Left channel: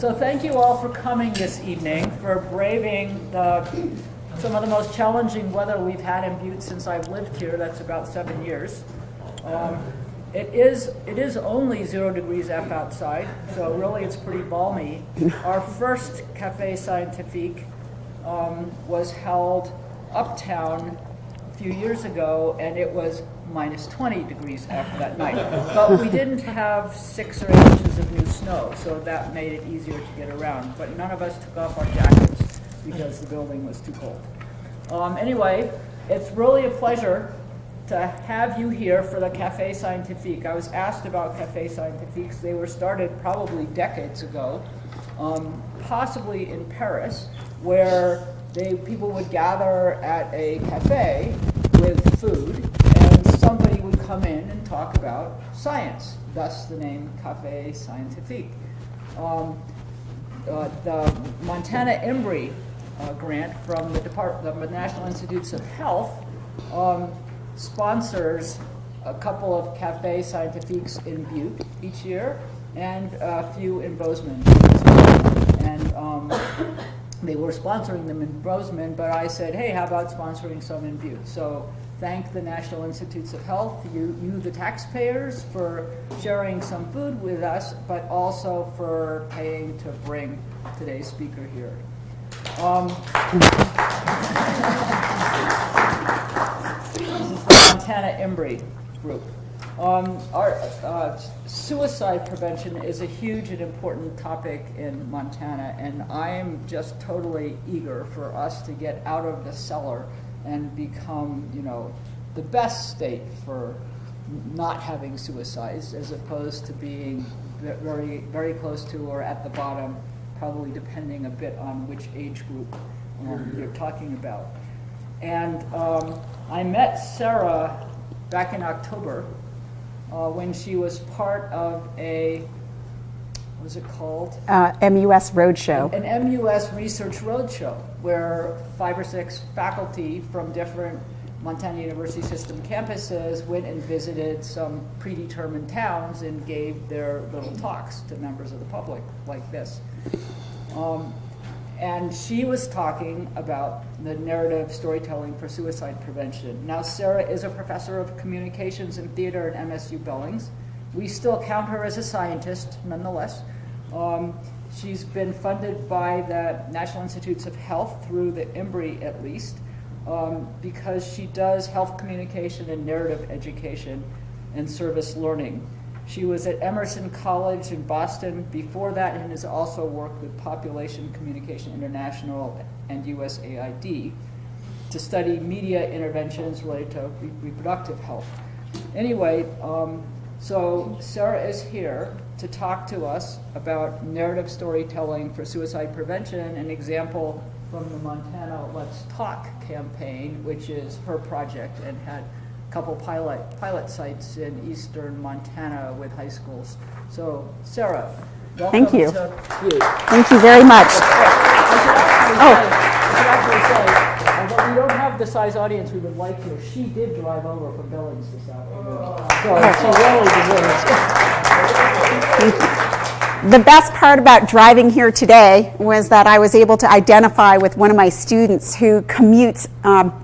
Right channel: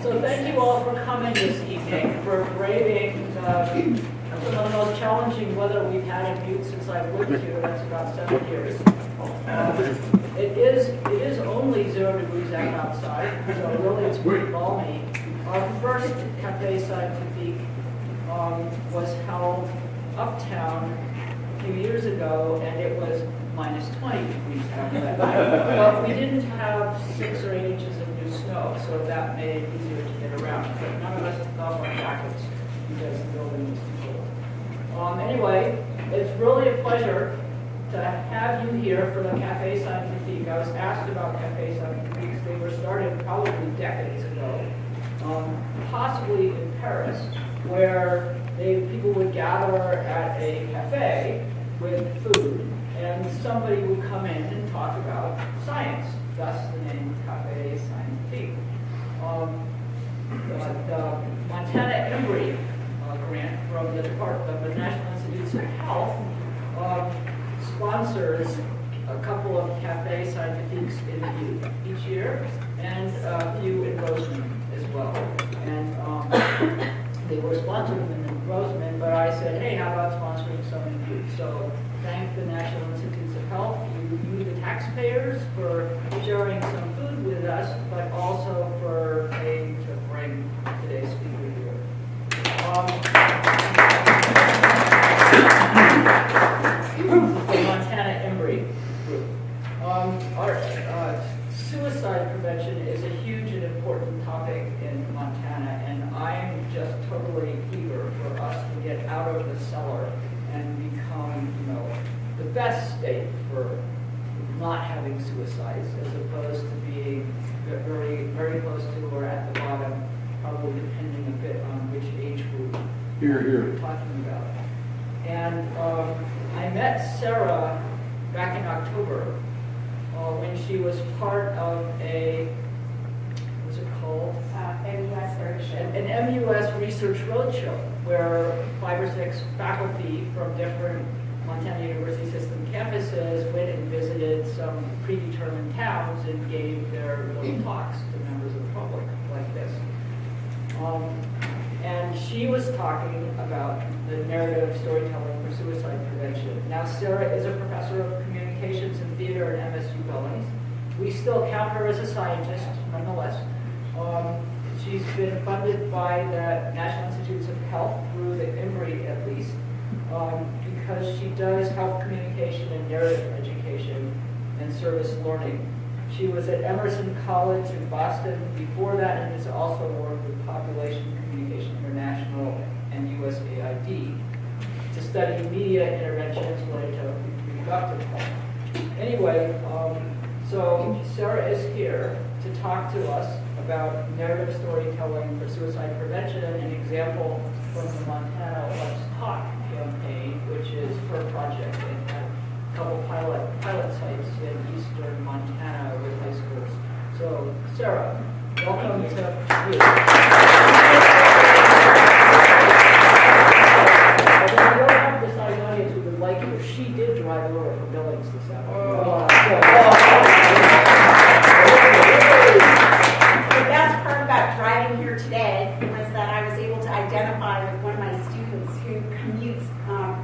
So thank you all for coming this evening, for braving some of the most challenging weather we've had in Butte since I've lived here. That's about 7 years. It is only 0 degrees outside, so really it's pretty balmy. Our first Café Scientifique was held uptown a few years ago, and it was minus 20 degrees after that night. But we didn't have 6 or 8 inches of new snow, so that made it easier to get around. But none of us took off our jackets because the building was too cold. Anyway, it's really a pleasure to have you here for the Café Scientifique. I was asked about Café Scientifiques. They were started probably decades ago, possibly in Paris, where people would gather at a cafe with food, and somebody would come in and talk about science, thus the name Café Scientifique. The Montana Embry grant from the Department of the National Institutes of Health sponsors a couple of Café Scientifiques in Butte each year, and a few in Bozeman as well. And they were sponsoring them in Bozeman, but I said, hey, how about sponsoring some in Butte? So thank the National Institutes of Health, you the taxpayers, for sharing some food with us, but also for paying to bring today's speaker here. Montana Embry Group. Our suicide prevention is a huge and important topic in Montana, and I'm just totally eager for us to get out of the cellar and become, the best state for not having suicides, as opposed to being very, very close to or at the bottom, probably depending a bit on which age group you're talking about. And I met Sara back in October when she was part of a, what was it called? MUS Roadshow. An MUS Research Roadshow, where 5 or 6 faculty from different Montana University System campuses went and visited some predetermined towns and gave their little talks to members of the public like this. And she was talking about the narrative storytelling for suicide prevention. Now, Sara is a professor of communications and theater at MSU-Billings. We still count her as a scientist, nonetheless. She's been funded by the National Institutes of Health through the Embry, at least, because she does health communication and narrative education and service learning. She was at Emerson College in Boston before that, and has also worked with Population Communication International and USAID to study media interventions related to reproductive health. Anyway, so Sara is here to talk to us about narrative storytelling for suicide prevention, an example from the Montana Let's Talk campaign, which is her project, and had a couple pilot sites in eastern Montana with high schools. So, Sara, welcome. Thank you. To you. Thank you very much. We don't have the size audience we would like here. She did drive over from Billings this afternoon. The best part about driving here today was that I was able to identify with one of my students who commutes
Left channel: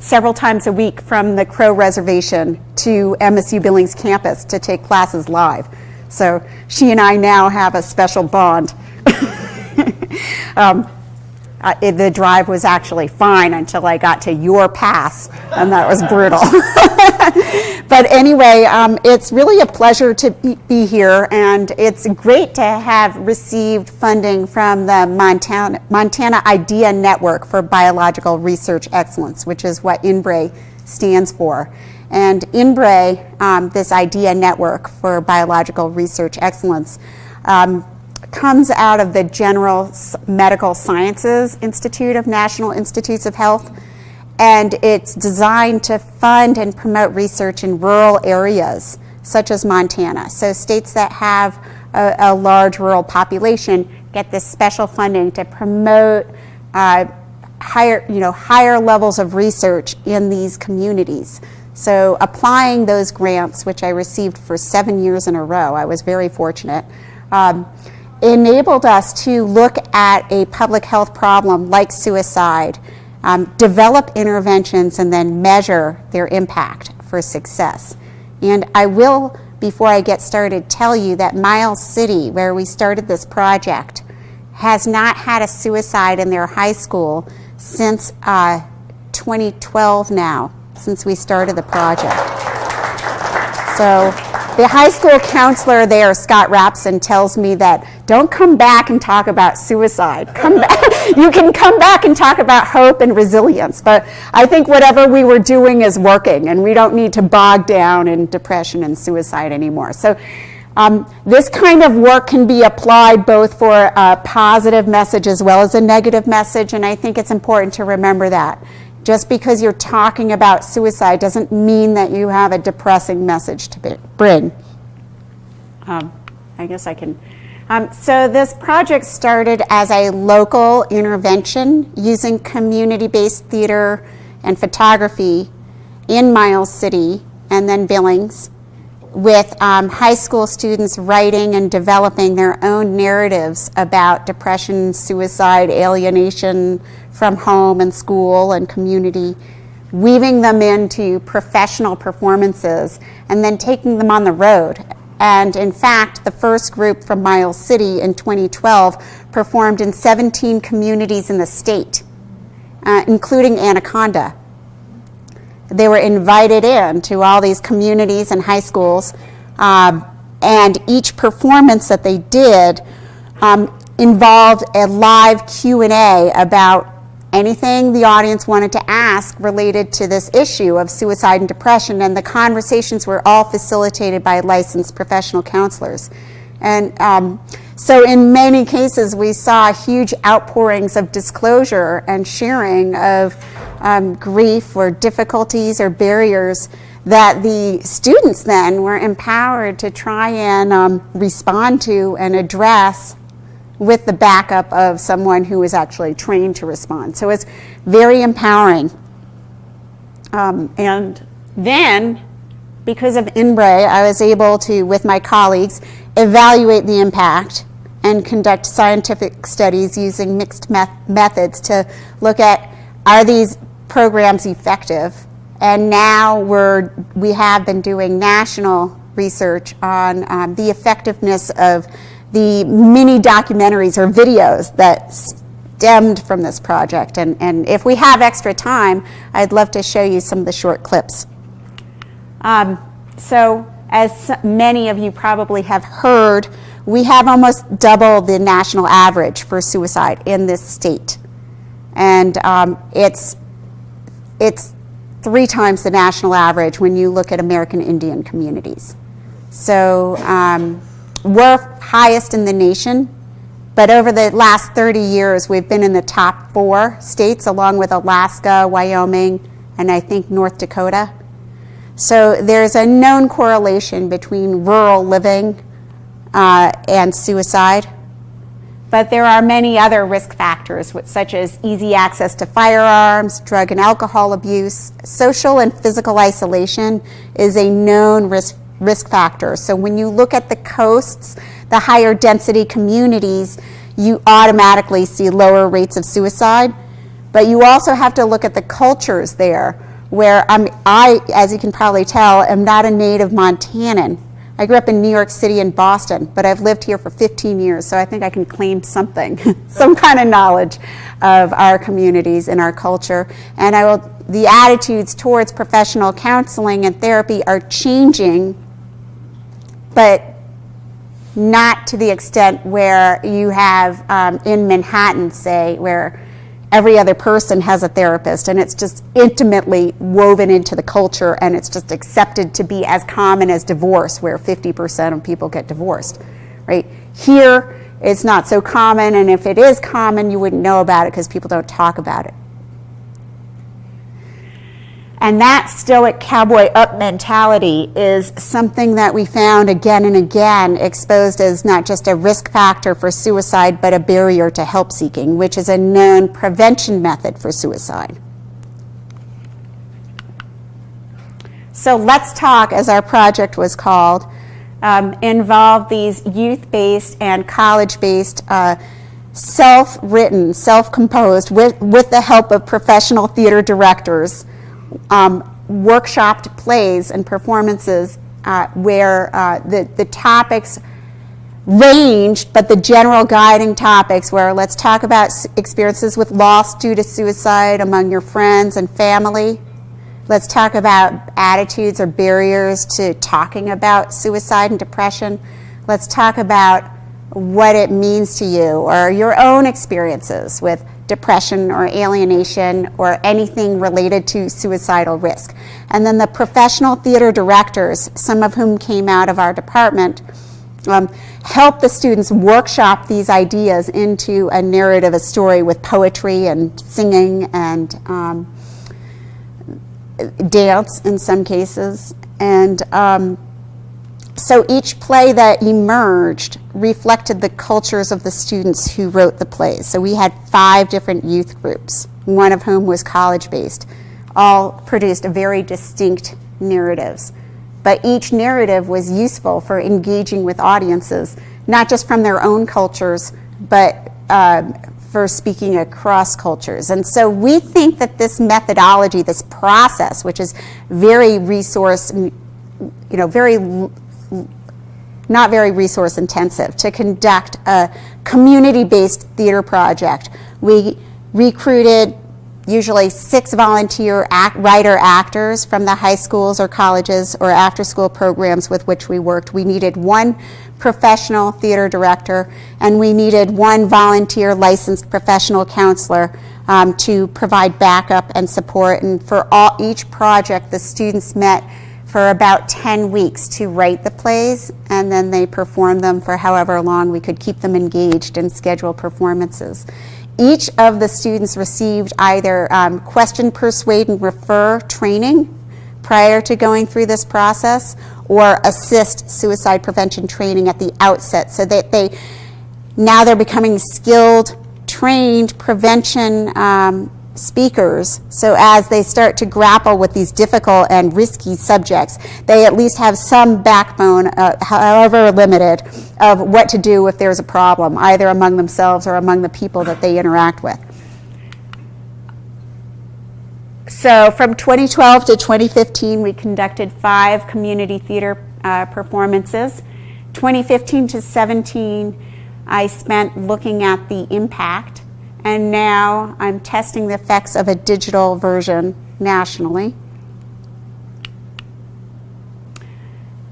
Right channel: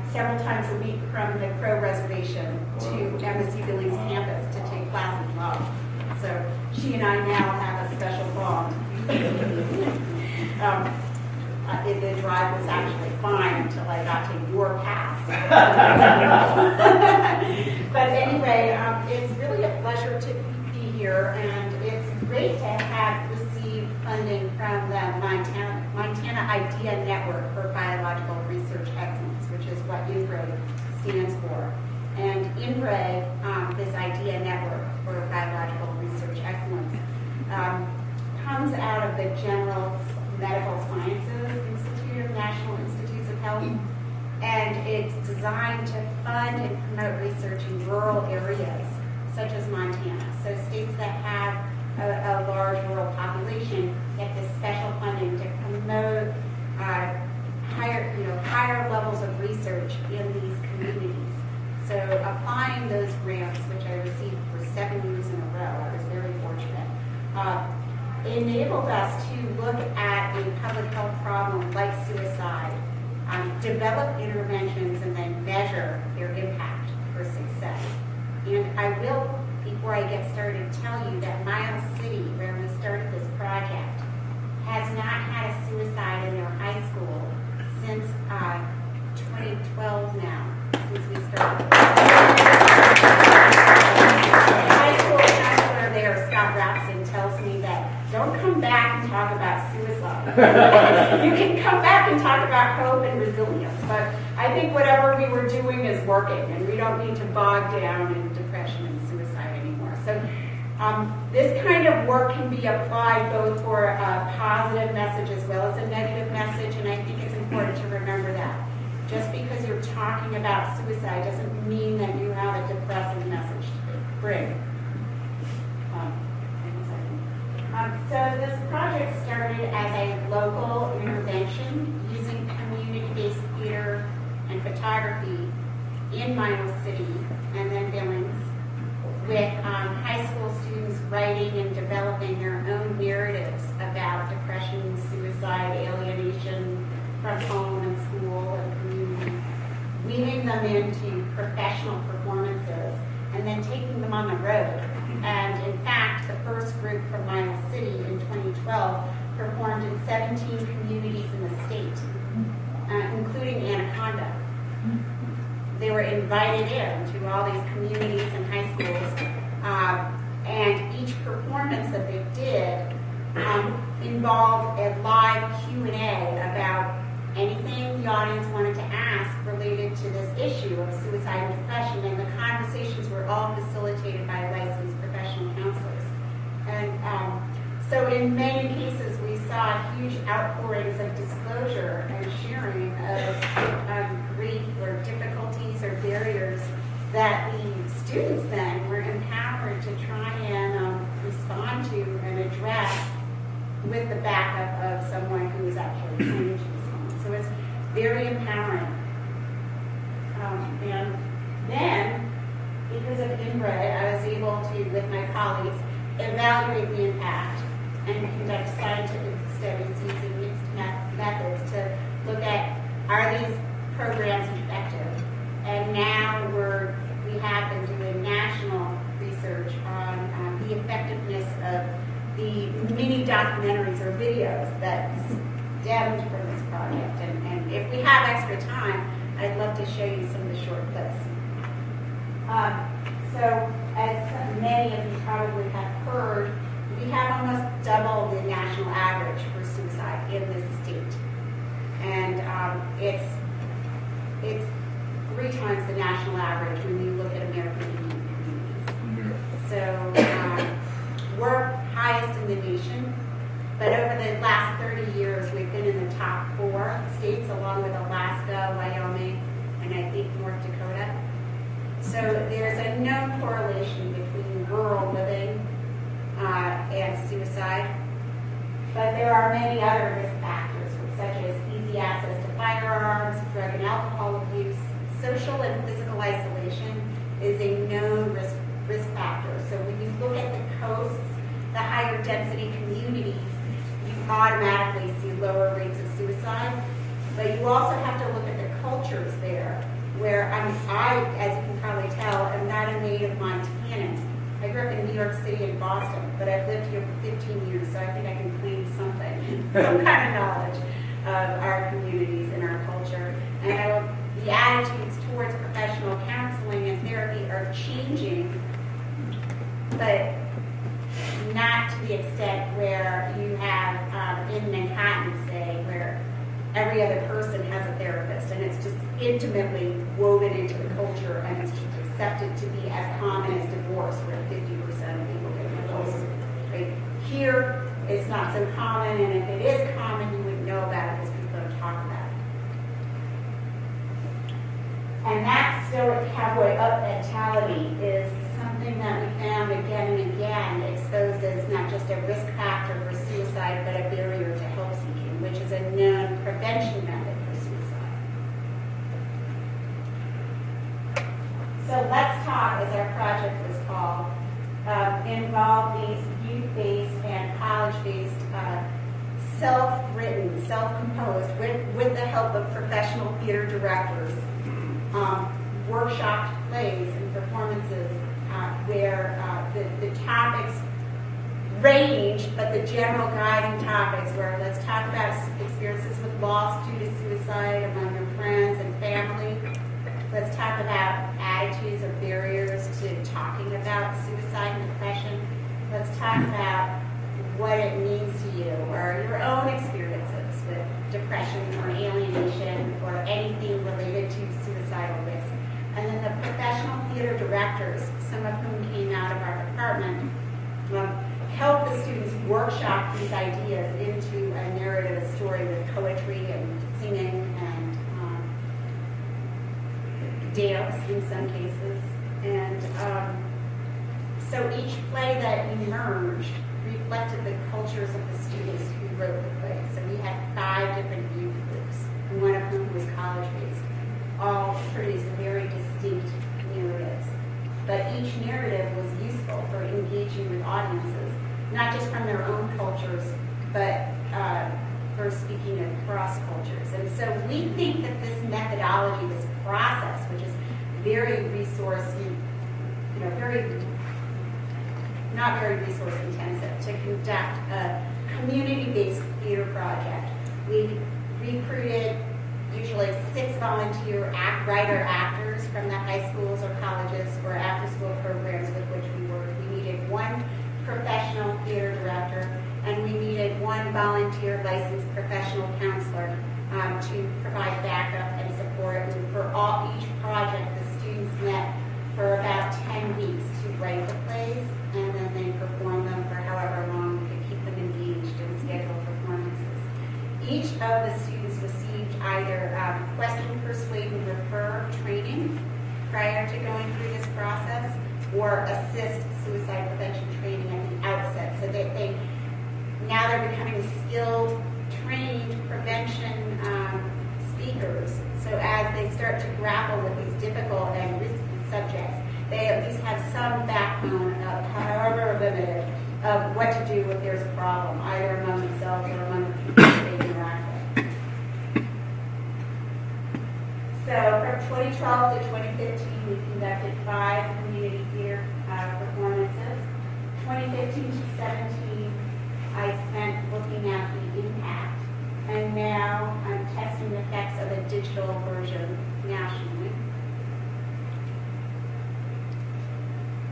several times a week from the Crow Reservation to MSU-Billings campus to take classes live. So she and I now have a special bond. The drive was actually fine until I got to your pass, and that was brutal. But anyway, it's really a pleasure to be here, and it's great to have received funding from the Montana Idea Network for Biological Research Excellence, which is what INBRE stands for. And INBRE, this Idea Network for Biological Research Excellence, comes out of the General Medical Sciences Institute of National Institutes of Health, and it's designed to fund and promote research in rural areas such as Montana. So states that have a large rural population get this special funding to promote higher levels of research in these communities. So applying those grants, which I received for 7 years in a row, I was very fortunate. enabled us to look at a public health problem like suicide, develop interventions, and then measure their impact for success. And I will, before I get started, tell you that Miles City, where we started this project, has not had a suicide in their high school since 2012 now, since we started the project. So the high school counselor there, Scott Rapson, tells me that don't come back and talk about suicide. Come back. You can come back and talk about hope and resilience, but I think whatever we were doing is working, and we don't need to bog down in depression and suicide anymore. So this kind of work can be applied both for a positive message as well as a negative message, and I think it's important to remember that. Just because you're talking about suicide doesn't mean that you have a depressing message to bring. I guess I can. So this project started as a local intervention using community-based theater and photography in Miles City and then Billings, with high school students writing and developing their own narratives about depression, suicide, alienation from home and school and community, weaving them into professional performances and then taking them on the road. And in fact, the first group from Miles City in 2012 performed in 17 communities in the state, including Anaconda. They were invited in to all these communities and high schools, and each performance that they did involved a live Q&A about anything the audience wanted to ask related to this issue of suicide and depression, and the conversations were all facilitated by licensed professional counselors. And so in many cases, we saw huge outpourings of disclosure and sharing of grief or difficulties or barriers that the students then were empowered to try and respond to and address with the backup of someone who was actually trained to respond. So it's very empowering. And then, because of INBRE, I was able to, with my colleagues, evaluate the impact and conduct scientific studies using mixed methods to look at, are these programs effective? And now we have been doing national research on the effectiveness of the mini documentaries or videos that stemmed from this project. And if we have extra time, I'd love to show you some of the short clips. So as many of you probably have heard, we have almost double the national average for suicide in this state. And it's 3 times the national average when you look at American Indian communities. So we're highest in the nation, but over the last 30 years, we've been in the top 4 states, along with Alaska, Wyoming, and I think North Dakota. So there's a known correlation between rural living and suicide, but there are many other risk factors, such as easy access to firearms, drug and alcohol abuse. Social and physical isolation is a known risk factor. So when you look at the coasts, the higher density communities, you automatically see lower rates of suicide. But you also have to look at the cultures there, where I, as you can probably tell, am not a native Montanan. I grew up in New York City and Boston, but I've lived here for 15 years, so I think I can claim something, some kind of knowledge of our communities and our culture. And the attitudes towards professional counseling and therapy are changing, but not to the extent where you have in Manhattan, say, where every other person has a therapist, and it's just intimately woven into the culture, and it's just accepted to be as common as divorce, where 50% of people get divorced, right? Here, it's not so common, and if it is common, you wouldn't know about it because people don't talk about it. And that stoic cowboy up mentality is something that we found again and again exposed as not just a risk factor for suicide, but a barrier to help seeking, which is a known prevention method for suicide. So let's talk, as our project was called, involved these youth-based and college-based self-written, self-composed, with the help of professional theater directors, workshopped plays and performances where the topics ranged, but the general guiding topics were, let's talk about experiences with loss due to suicide among your friends and family. Let's talk about attitudes or barriers to talking about suicide and depression. Let's talk about what it means to you or your own experiences with depression or alienation or anything related to suicidal risk. And then the professional theater directors, some of whom came out of our department, help the students workshop these ideas into a narrative, a story with poetry and singing and dance in some cases. And so each play that emerged reflected the cultures of the students who wrote the plays. So we had 5 different youth groups, one of whom was college-based, all produced very distinct narratives. But each narrative was useful for engaging with audiences, not just from their own cultures, but for speaking across cultures. And so we think that this methodology, this process, which is very not very resource intensive, to conduct a community-based theater project. We recruited usually 6 volunteer writer actors from the high schools or colleges or after-school programs with which we worked. We needed 1 professional theater director, and we needed 1 volunteer licensed professional counselor to provide backup and support. And for each project, the students met for about 10 weeks to write the plays, and then they performed them for however long we could keep them engaged and schedule performances. Each of the students received either question, persuade, and refer training prior to going through this process, or assist suicide prevention training at the outset, so that they're becoming skilled, trained prevention speakers. So as they start to grapple with these difficult and risky subjects, they at least have some backbone, however limited, of what to do if there's a problem, either among themselves or among the people that they interact with. So from 2012 to 2015, we conducted 5 community theater performances. 2015 to 17, I spent looking at the impact, and now I'm testing the effects of a digital version nationally.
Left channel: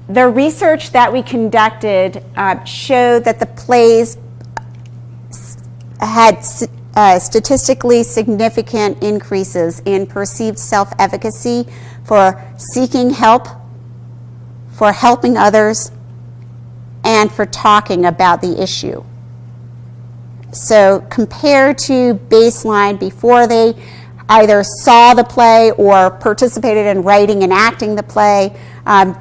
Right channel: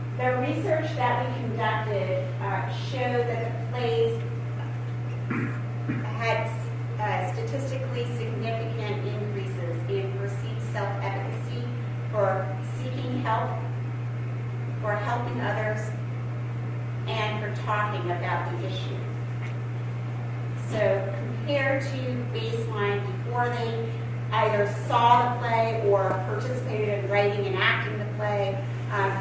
The research that we conducted showed that the plays had statistically significant increases in perceived self-efficacy for seeking help, for helping others, and for talking about the issue. So compared to baseline before they either saw the play or participated in writing and acting the play,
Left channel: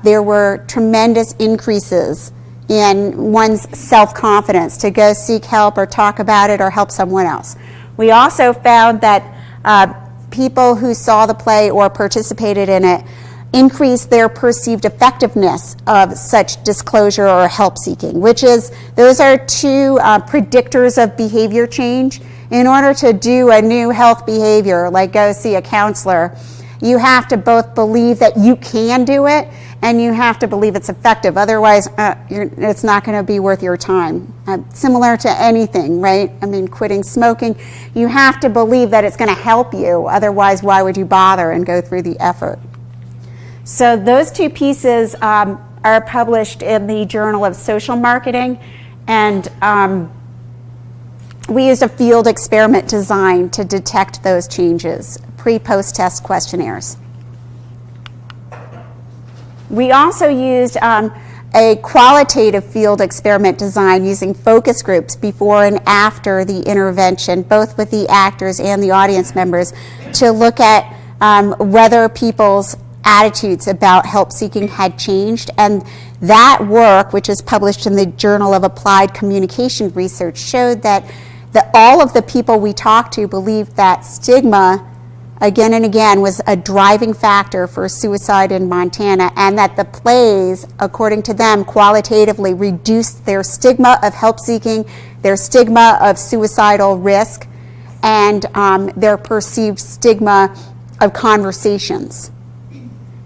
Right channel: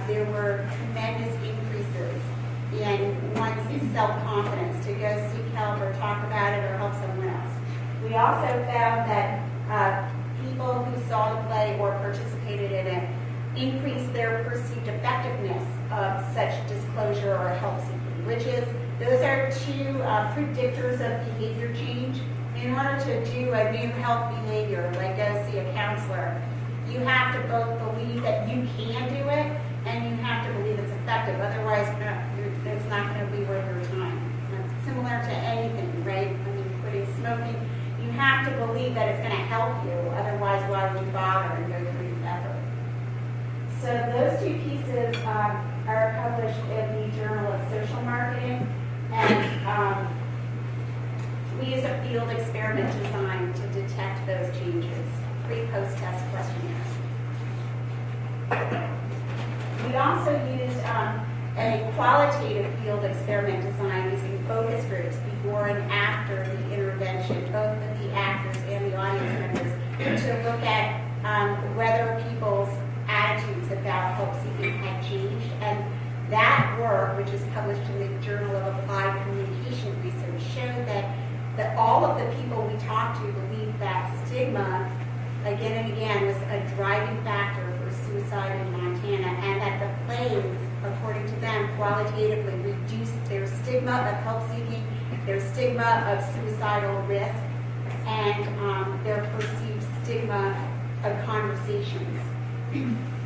there were tremendous increases in one's self-confidence to go seek help or talk about it or help someone else. We also found that people who saw the play or participated in it increased their perceived effectiveness of such disclosure or help seeking, those are 2 predictors of behavior change. In order to do a new health behavior, like go see a counselor, you have to both believe that you can do it, and you have to believe it's effective. Otherwise, it's not going to be worth your time. Similar to anything, right? I mean, quitting smoking, you have to believe that it's going to help you. Otherwise, why would you bother and go through the effort? So those 2 pieces are published in the Journal of Social Marketing, and we used a field experiment design to detect those changes, pre-post test questionnaires. We also used a qualitative field experiment design using focus groups before and after the intervention, both with the actors and the audience members, to look at whether people's attitudes about help seeking had changed. And that work, which is published in the Journal of Applied Communication Research, showed that all of the people we talked to believed that stigma again and again, was a driving factor for suicide in Montana, and that the plays, according to them, qualitatively reduced their stigma of help seeking, their stigma of suicidal risk, and their perceived stigma of conversations.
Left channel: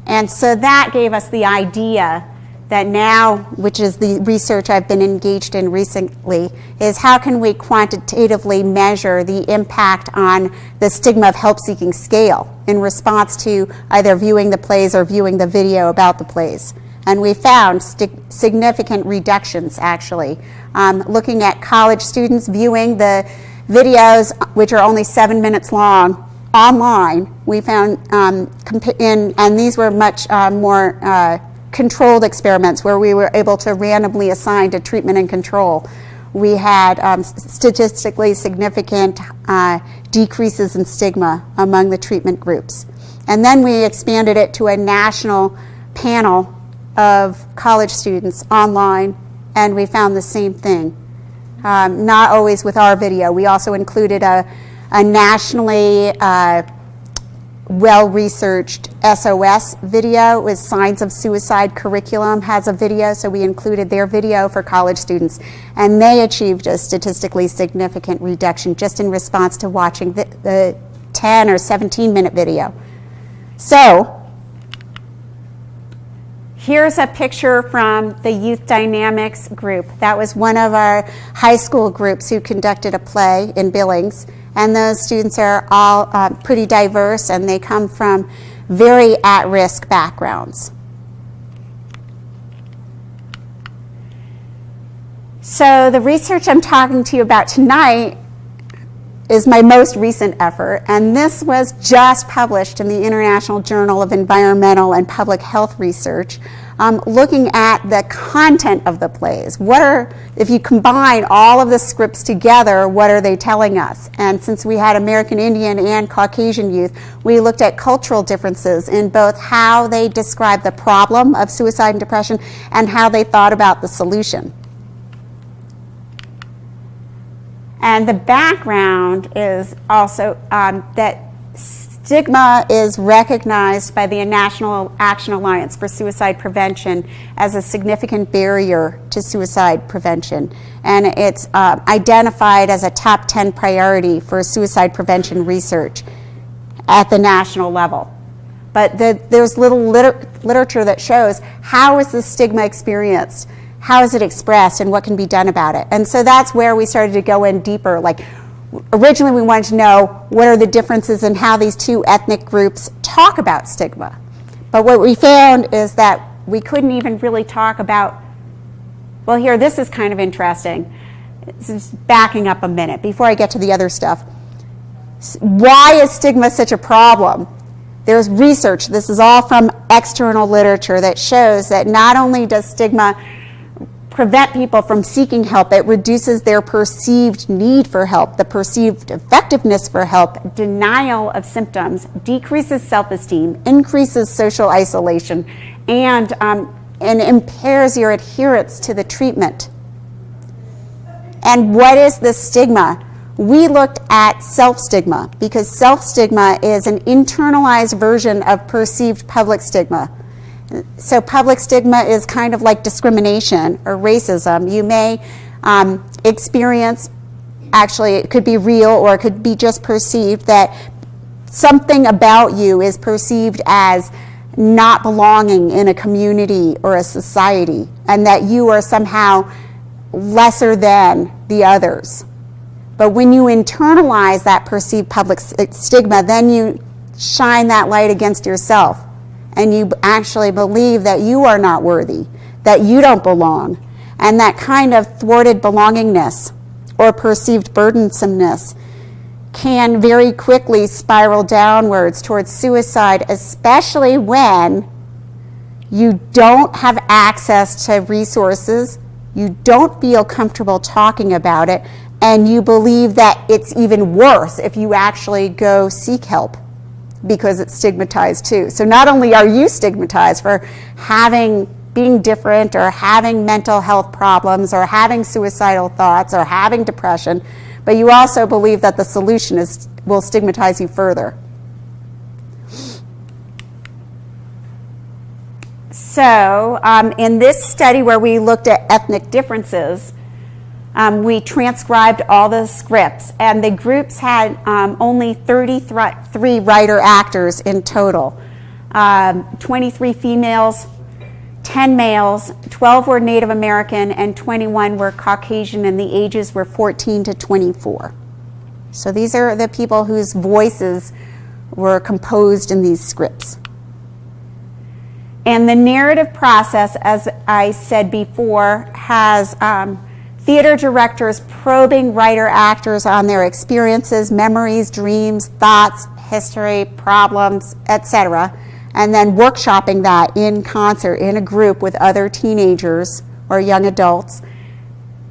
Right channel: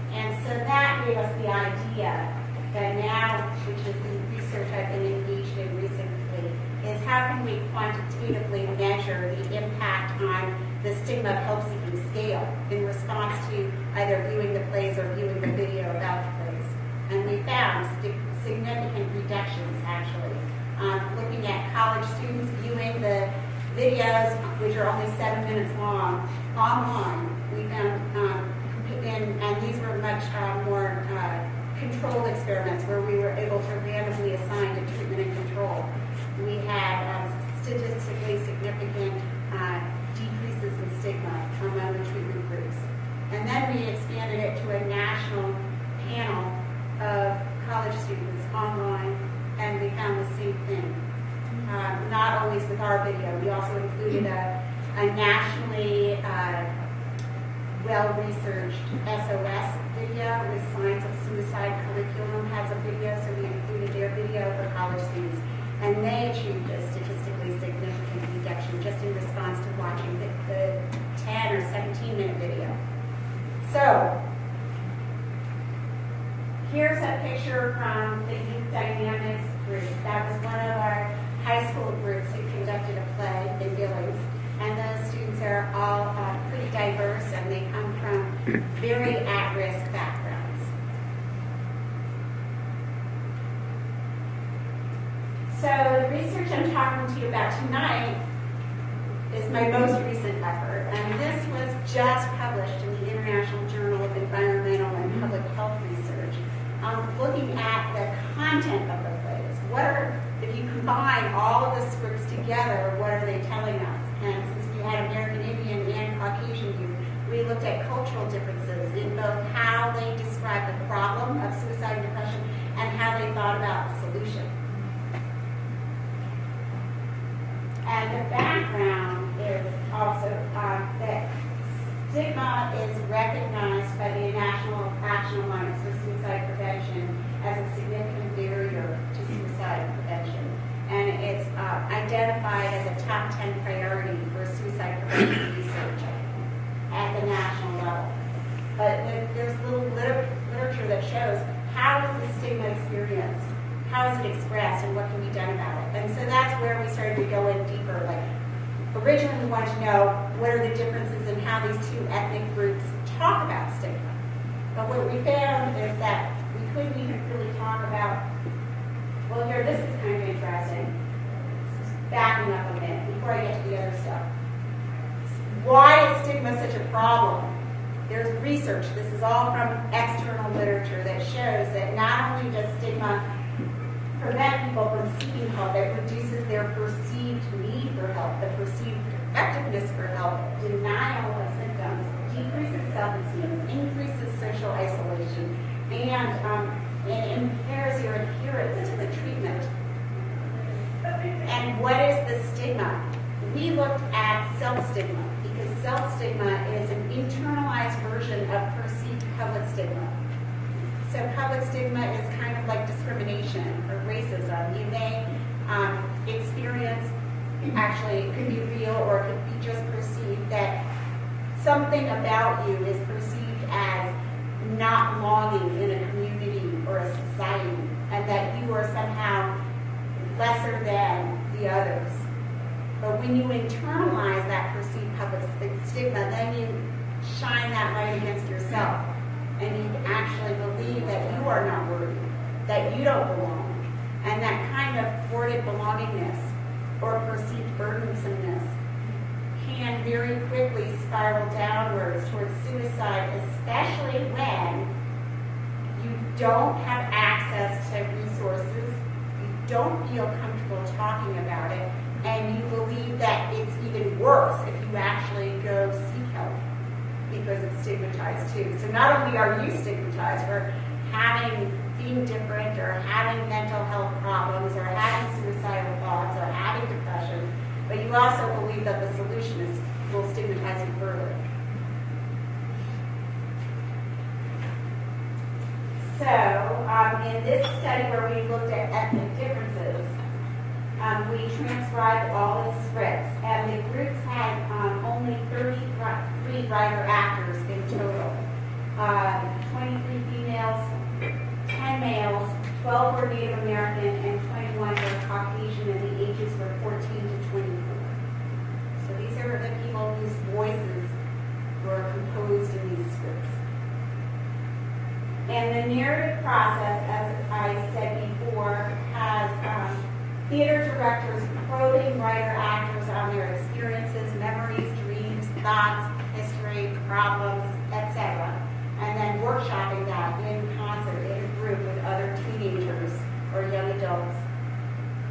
And so that gave us the idea that now, which is the research I've been engaged in recently, is how can we quantitatively measure the impact on the stigma of help-seeking scale in response to either viewing the plays or viewing the video about the plays. And we found significant reductions, actually. Looking at college students viewing the videos, which are only 7 minutes long, online, we found, and these were much more controlled experiments where we were able to randomly assign to treatment and control. We had statistically significant decreases in stigma among the treatment groups. And then we expanded it to a national panel of college students online, and we found the same thing. Not always with our video. We also included a nationally well-researched SOS video with Signs of Suicide curriculum has a video, so we included their video for college students, and they achieved a statistically significant reduction just in response to watching the 10 or 17-minute video. So here's a picture from the Youth Dynamics group. That was one of our high school groups who conducted a play in Billings. And those students are all pretty diverse, and they come from very at-risk backgrounds. So the research I'm talking to you about tonight is my most recent effort, and this was just published in the International Journal of Environmental and Public Health Research, looking at the content of the plays. If you combine all of the scripts together, what are they telling us? And since we had American Indian and Caucasian youth, we looked at cultural differences in both how they described the problem of suicide and depression and how they thought about the solution. And the background is also that stigma is recognized by the National Action Alliance for Suicide Prevention as a significant barrier to suicide prevention. And it's identified as a top 10 priority for suicide prevention research at the national level. But there's little literature that shows how is the stigma experienced, how is it expressed, and what can be done about it. And so that's where we started to go in deeper. Like, originally we wanted to know what are the differences in how these two ethnic groups talk about stigma. But what we found is that we couldn't even really talk about, well, here, this is kind of interesting. This is backing up a minute before I get to the other stuff. Why is stigma such a problem? There's research, this is all from external literature, that shows that not only does stigma prevent people from seeking help, it reduces their perceived need for help, the perceived effectiveness for help, denial of symptoms, decreases self-esteem, increases social isolation, and impairs your adherence to the treatment. And what is the stigma? We looked at self-stigma, because self-stigma is an internalized version of perceived public stigma. So public stigma is kind of like discrimination or racism. You may experience, actually it could be real or it could be just perceived, that something about you is perceived as not belonging in a community or a society, and that you are somehow lesser than the others. But when you internalize that perceived public stigma, then you shine that light against yourself. And you actually believe that you are not worthy, that you don't belong. And that kind of thwarted belongingness or perceived burdensomeness can very quickly spiral downwards towards suicide, especially when you don't have access to resources, you don't feel comfortable talking about it, and you believe that it's even worse if you actually go seek help, because it's stigmatized too. So not only are you stigmatized for being different or having mental health problems or having suicidal thoughts or having depression, but you also believe that the solution will stigmatize you further. So in this study where we looked at ethnic differences, we transcribed all the scripts, and the groups had only 33 writer-actors in total. 23 females, 10 males, 12 were Native American, and 21 were Caucasian, and the ages were 14 to 24. So these are the people whose voices were composed in these scripts. And the narrative process, as I said before, has theater directors probing writer-actors on their experiences, memories, dreams, thoughts, history, problems, etc., and then workshopping that in concert in a group with other teenagers or young adults.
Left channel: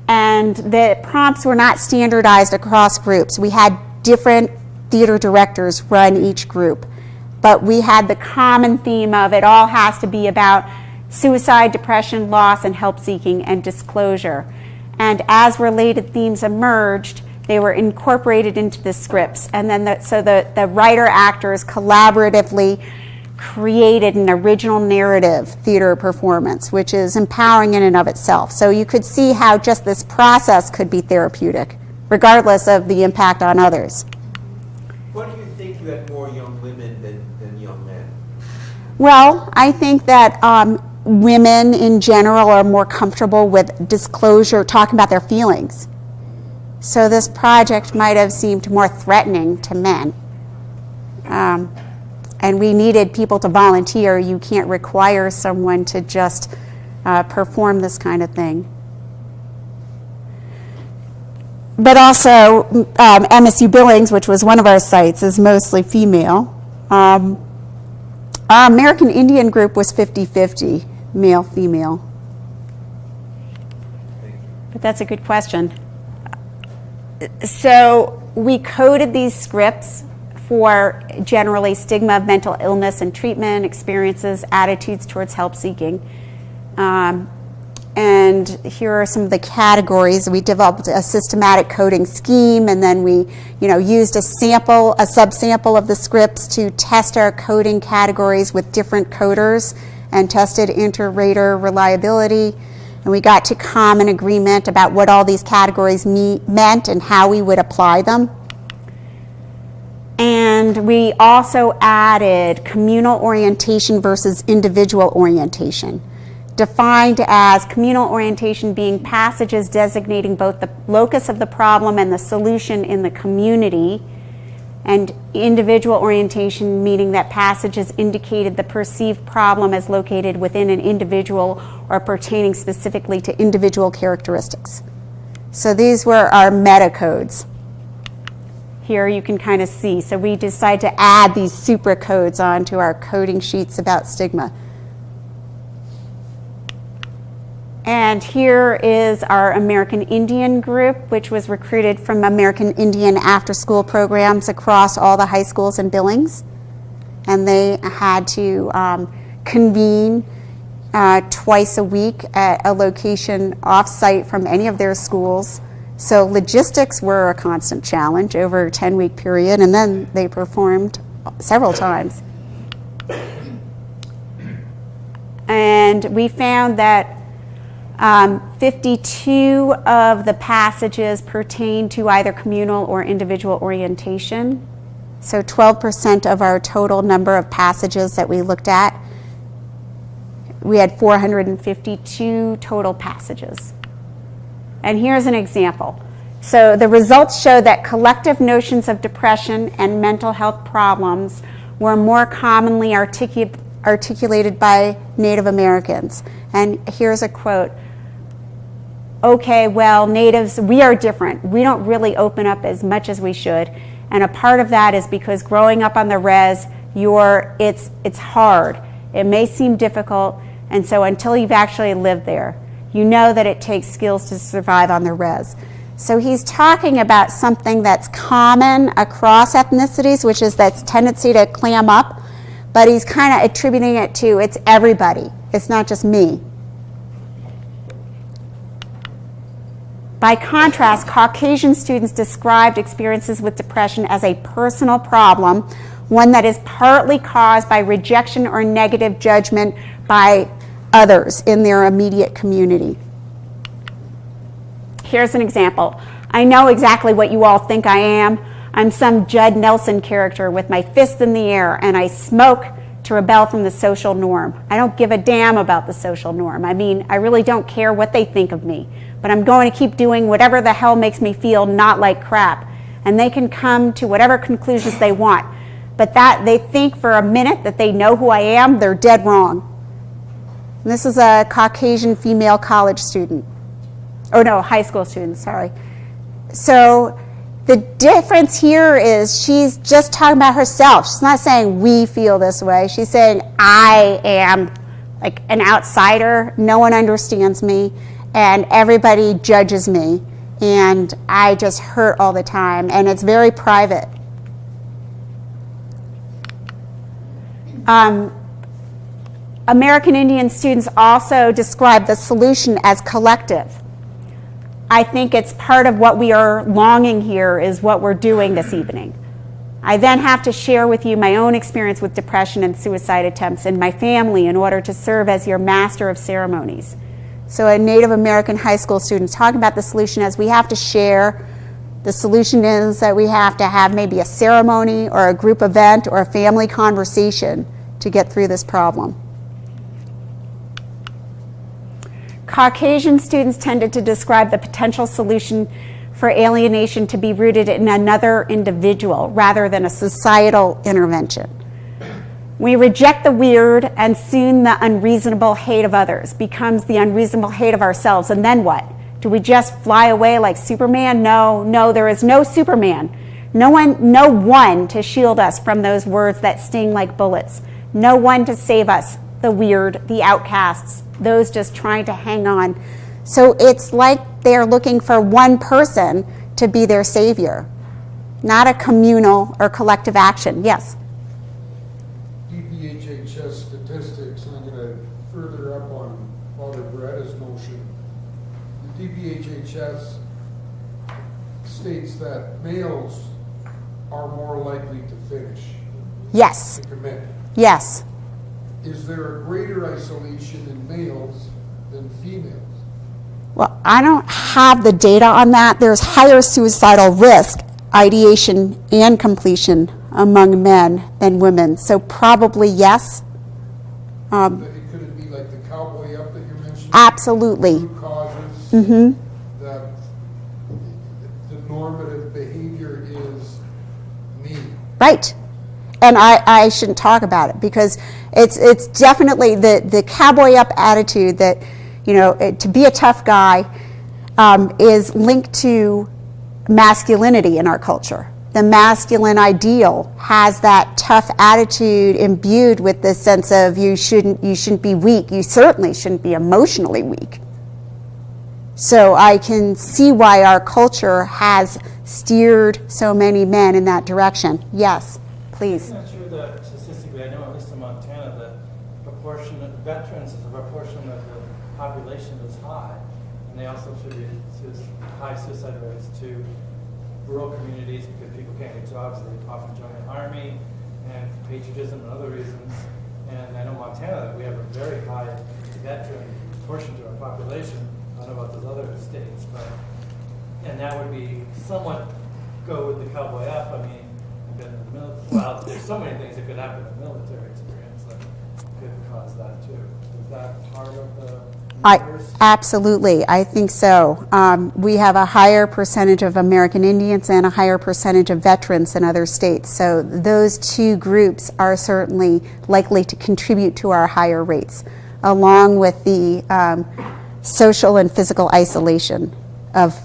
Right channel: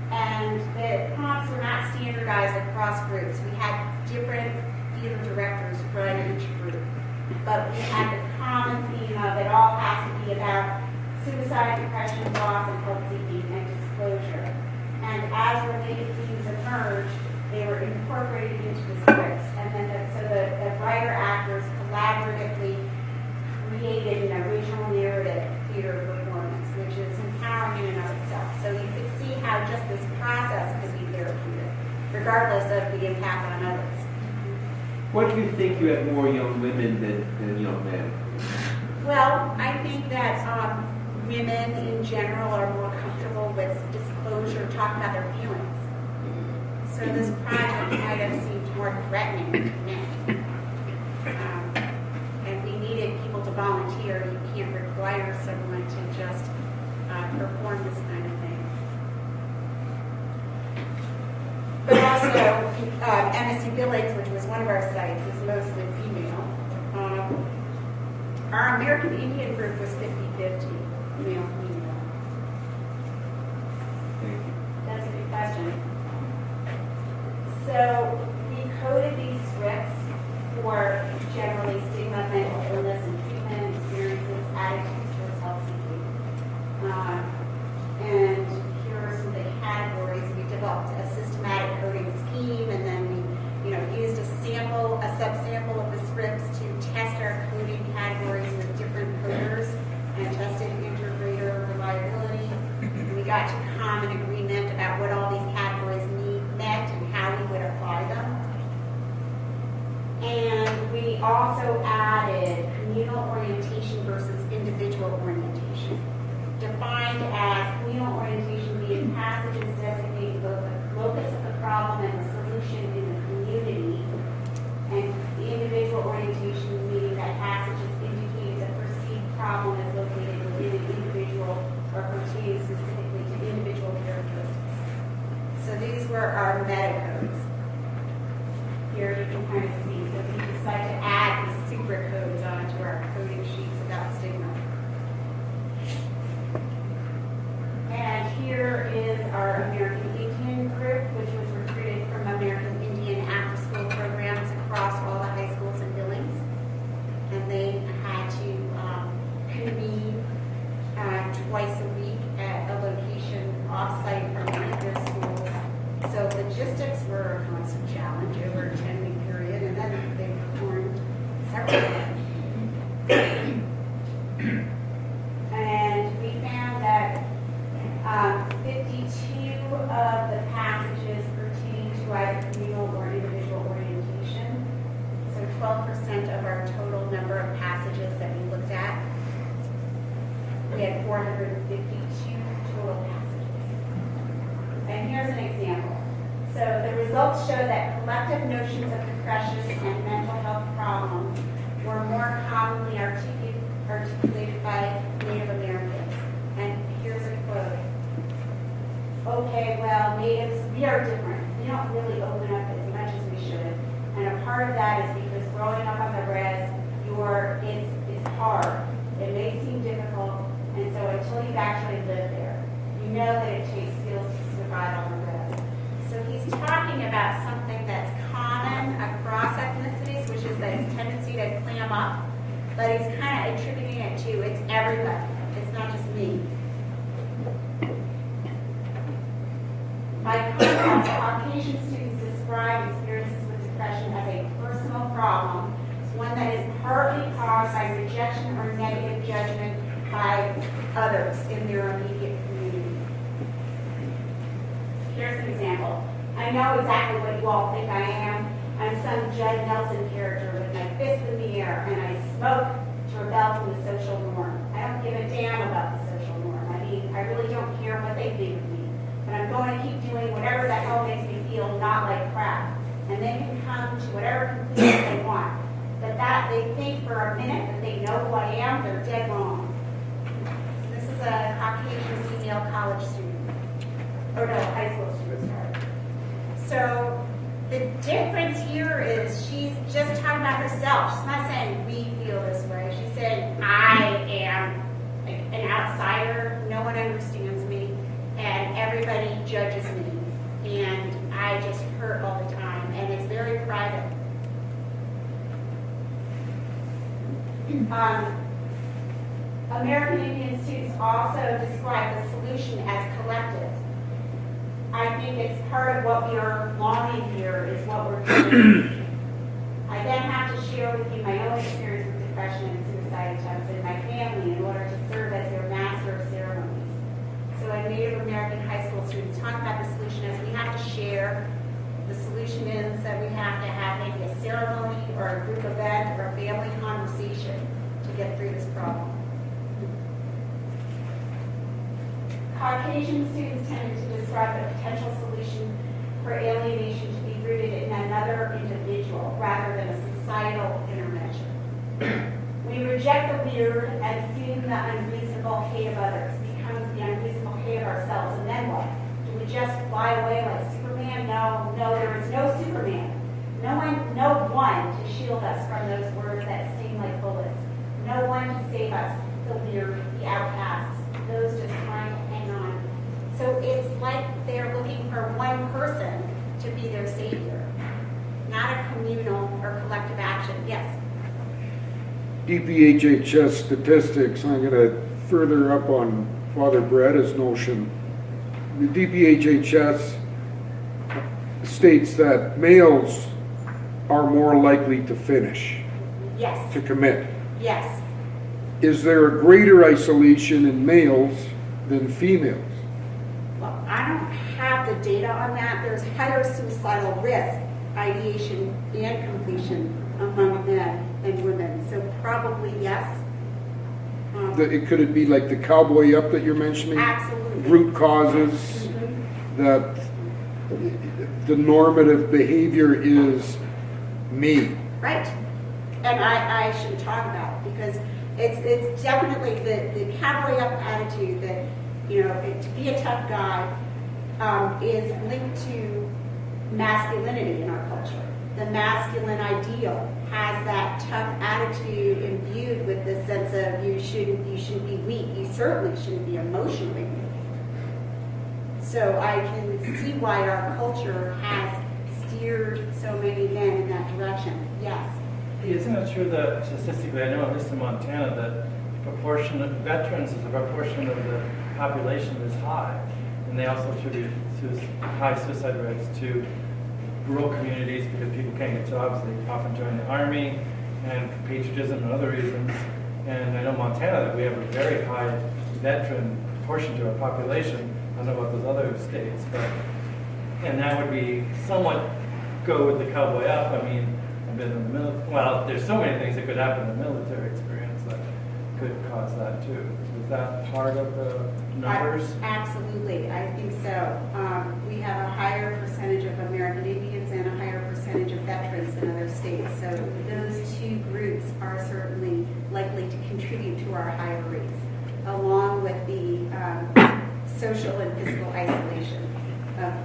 And the prompts were not standardized across groups. We had different theater directors run each group, but we had the common theme of it all has to be about suicide, depression, loss, and help seeking and disclosure. And as related themes emerged, they were incorporated into the scripts. And then the writer-actors collaboratively created an original narrative theater performance, which is empowering in and of itself. So you could see how just this process could be therapeutic, regardless of the impact on others. Why do you think you had more young women than young men? Well, I think that women in general are more comfortable with disclosure, talking about their feelings. So this project might have seemed more threatening to men. And we needed people to volunteer. You can't require someone to just perform this kind of thing. But also, MSU-Billings, which was one of our sites, is mostly female. Our American Indian group was 50-50, male-female. But that's a good question. So we coded these scripts for generally stigma of mental illness and treatment, experiences, attitudes towards help seeking. And here are some of the categories. We developed a systematic coding scheme, and then we used a subsample of the scripts to test our coding categories with different coders and tested inter-rater reliability. And we got to common agreement about what all these categories meant and how we would apply them. And we also added communal orientation versus individual orientation, defined as communal orientation being passages designating both the locus of the problem and the solution in the community, and individual orientation meaning that passages indicated the perceived problem as located within an individual or pertaining specifically to individual characteristics. So these were our meta codes. Here you can kind of see. So we decided to add these super codes onto our coding sheets about stigma. And here is our American Indian group, which was recruited from American Indian after-school programs across all the high schools in Billings. And they had to convene twice a week at a location off-site from any of their schools. So logistics were a constant challenge over a 10-week period, and then they performed several times. And we found that 52 of the passages pertain to either communal or individual orientation. So 12% of our total number of passages that we looked at. We had 452 total passages. And here's an example. So the results show that collective notions of depression and mental health problems were more commonly articulated by Native Americans. And here's a quote. Okay, well, natives, we are different. We don't really open up as much as we should. And a part of that is because growing up on the res, it's hard. It may seem difficult, and so until you've actually lived there, you know that it takes skills to survive on the res. So he's talking about something that's common across ethnicities, which is that tendency to clam up, but he's kind of attributing it to it's everybody. It's not just me. By contrast, Caucasian students described experiences with depression as a personal problem, one that is partly caused by rejection or negative judgment by others in their immediate community. Here's an example. I know exactly what you all think I am. I'm some Judd Nelson character with my fist in the air, and I smoke to rebel from the social norm. I don't give a damn about the social norm. I mean, I really don't care what they think of me, but I'm going to keep doing whatever the hell makes me feel not like crap. And they can come to whatever conclusions they want. But that they think for a minute that they know who I am, they're dead wrong. And this is a Caucasian female college student. Oh no, high school student, sorry. So the difference here is she's just talking about herself. She's not saying we feel this way. She's saying I am like an outsider. No one understands me, and everybody judges me, and I just hurt all the time, and it's very private. American Indian students also describe the solution as collective. I think it's part of what we are longing here is what we're doing this evening. I then have to share with you my own experience with depression and suicide attempts in my family in order to serve as your master of ceremonies. So a Native American high school student talking about the solution as we have to share. The solution is that we have to have maybe a ceremony or a group event or a family conversation to get through this problem. Caucasian students tended to describe the potential solution for alienation to be rooted in another individual rather than a societal intervention. We reject the weird, and soon the unreasonable hate of others becomes the unreasonable hate of ourselves. And then what? Do we just fly away like Superman? No, there is no Superman. No one to shield us from those words that sting like bullets. No one to save us, the weird, the outcasts, those just trying to hang on. So it's like they're looking for one person to be their savior, not a communal or collective action. Yes? DPHHS statistics, I'm going to further up on Father Beretta's notion. The DPHHS states that males are more likely to finish, Yes. to commit. Yes. Is there a greater isolation in males than females? Well, I don't have the data on that. There's higher suicidal risk, ideation and completion among men than women. So probably yes. Could it be like the cowboy up that you're mentioning? Absolutely. Root causes, that the normative behavior is me. Right. And I shouldn't talk about it because it's definitely the cowboy up attitude that, you know, to be a tough guy is linked to masculinity in our culture. The masculine ideal has that tough attitude imbued with this sense of you shouldn't be weak. You certainly shouldn't be emotionally weak. So I can see why our culture has steered so many men in that direction. Yes, please. Isn't it true that statistically, I know at least in Montana, that proportion of veterans as a proportion of the population is high, and they also attribute high suicide rates to rural communities because people can't get jobs. They often join the army and patriotism and other reasons. And I know Montana that we have a very high veteran proportion to our population. I don't know about those other states, but and that would be somewhat go with the cowboy up. I mean, I've been in the military. Well, there's so many things that could happen in the military experience that could cause that too. Is that part of the numbers? Absolutely, I think so. We have a higher percentage of American Indians and a higher percentage of veterans in other states. So those two groups are certainly likely to contribute to our higher rates, along with the social and physical isolation of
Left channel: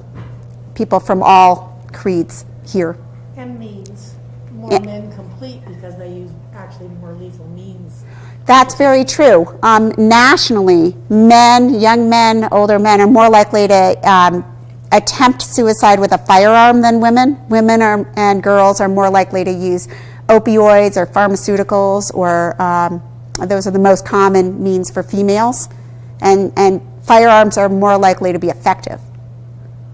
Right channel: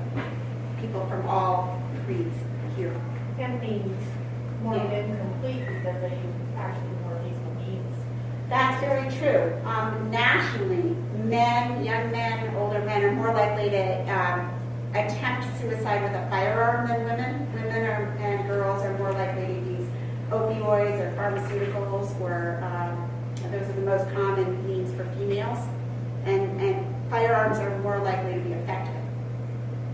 people from all creeds here. And means more incomplete because they use actually more lethal means. That's very true. Nationally, young men, older men are more likely to attempt suicide with a firearm than women. Women and girls are more likely to use opioids or pharmaceuticals, or those are the most common means for females. And firearms are more likely to be effective.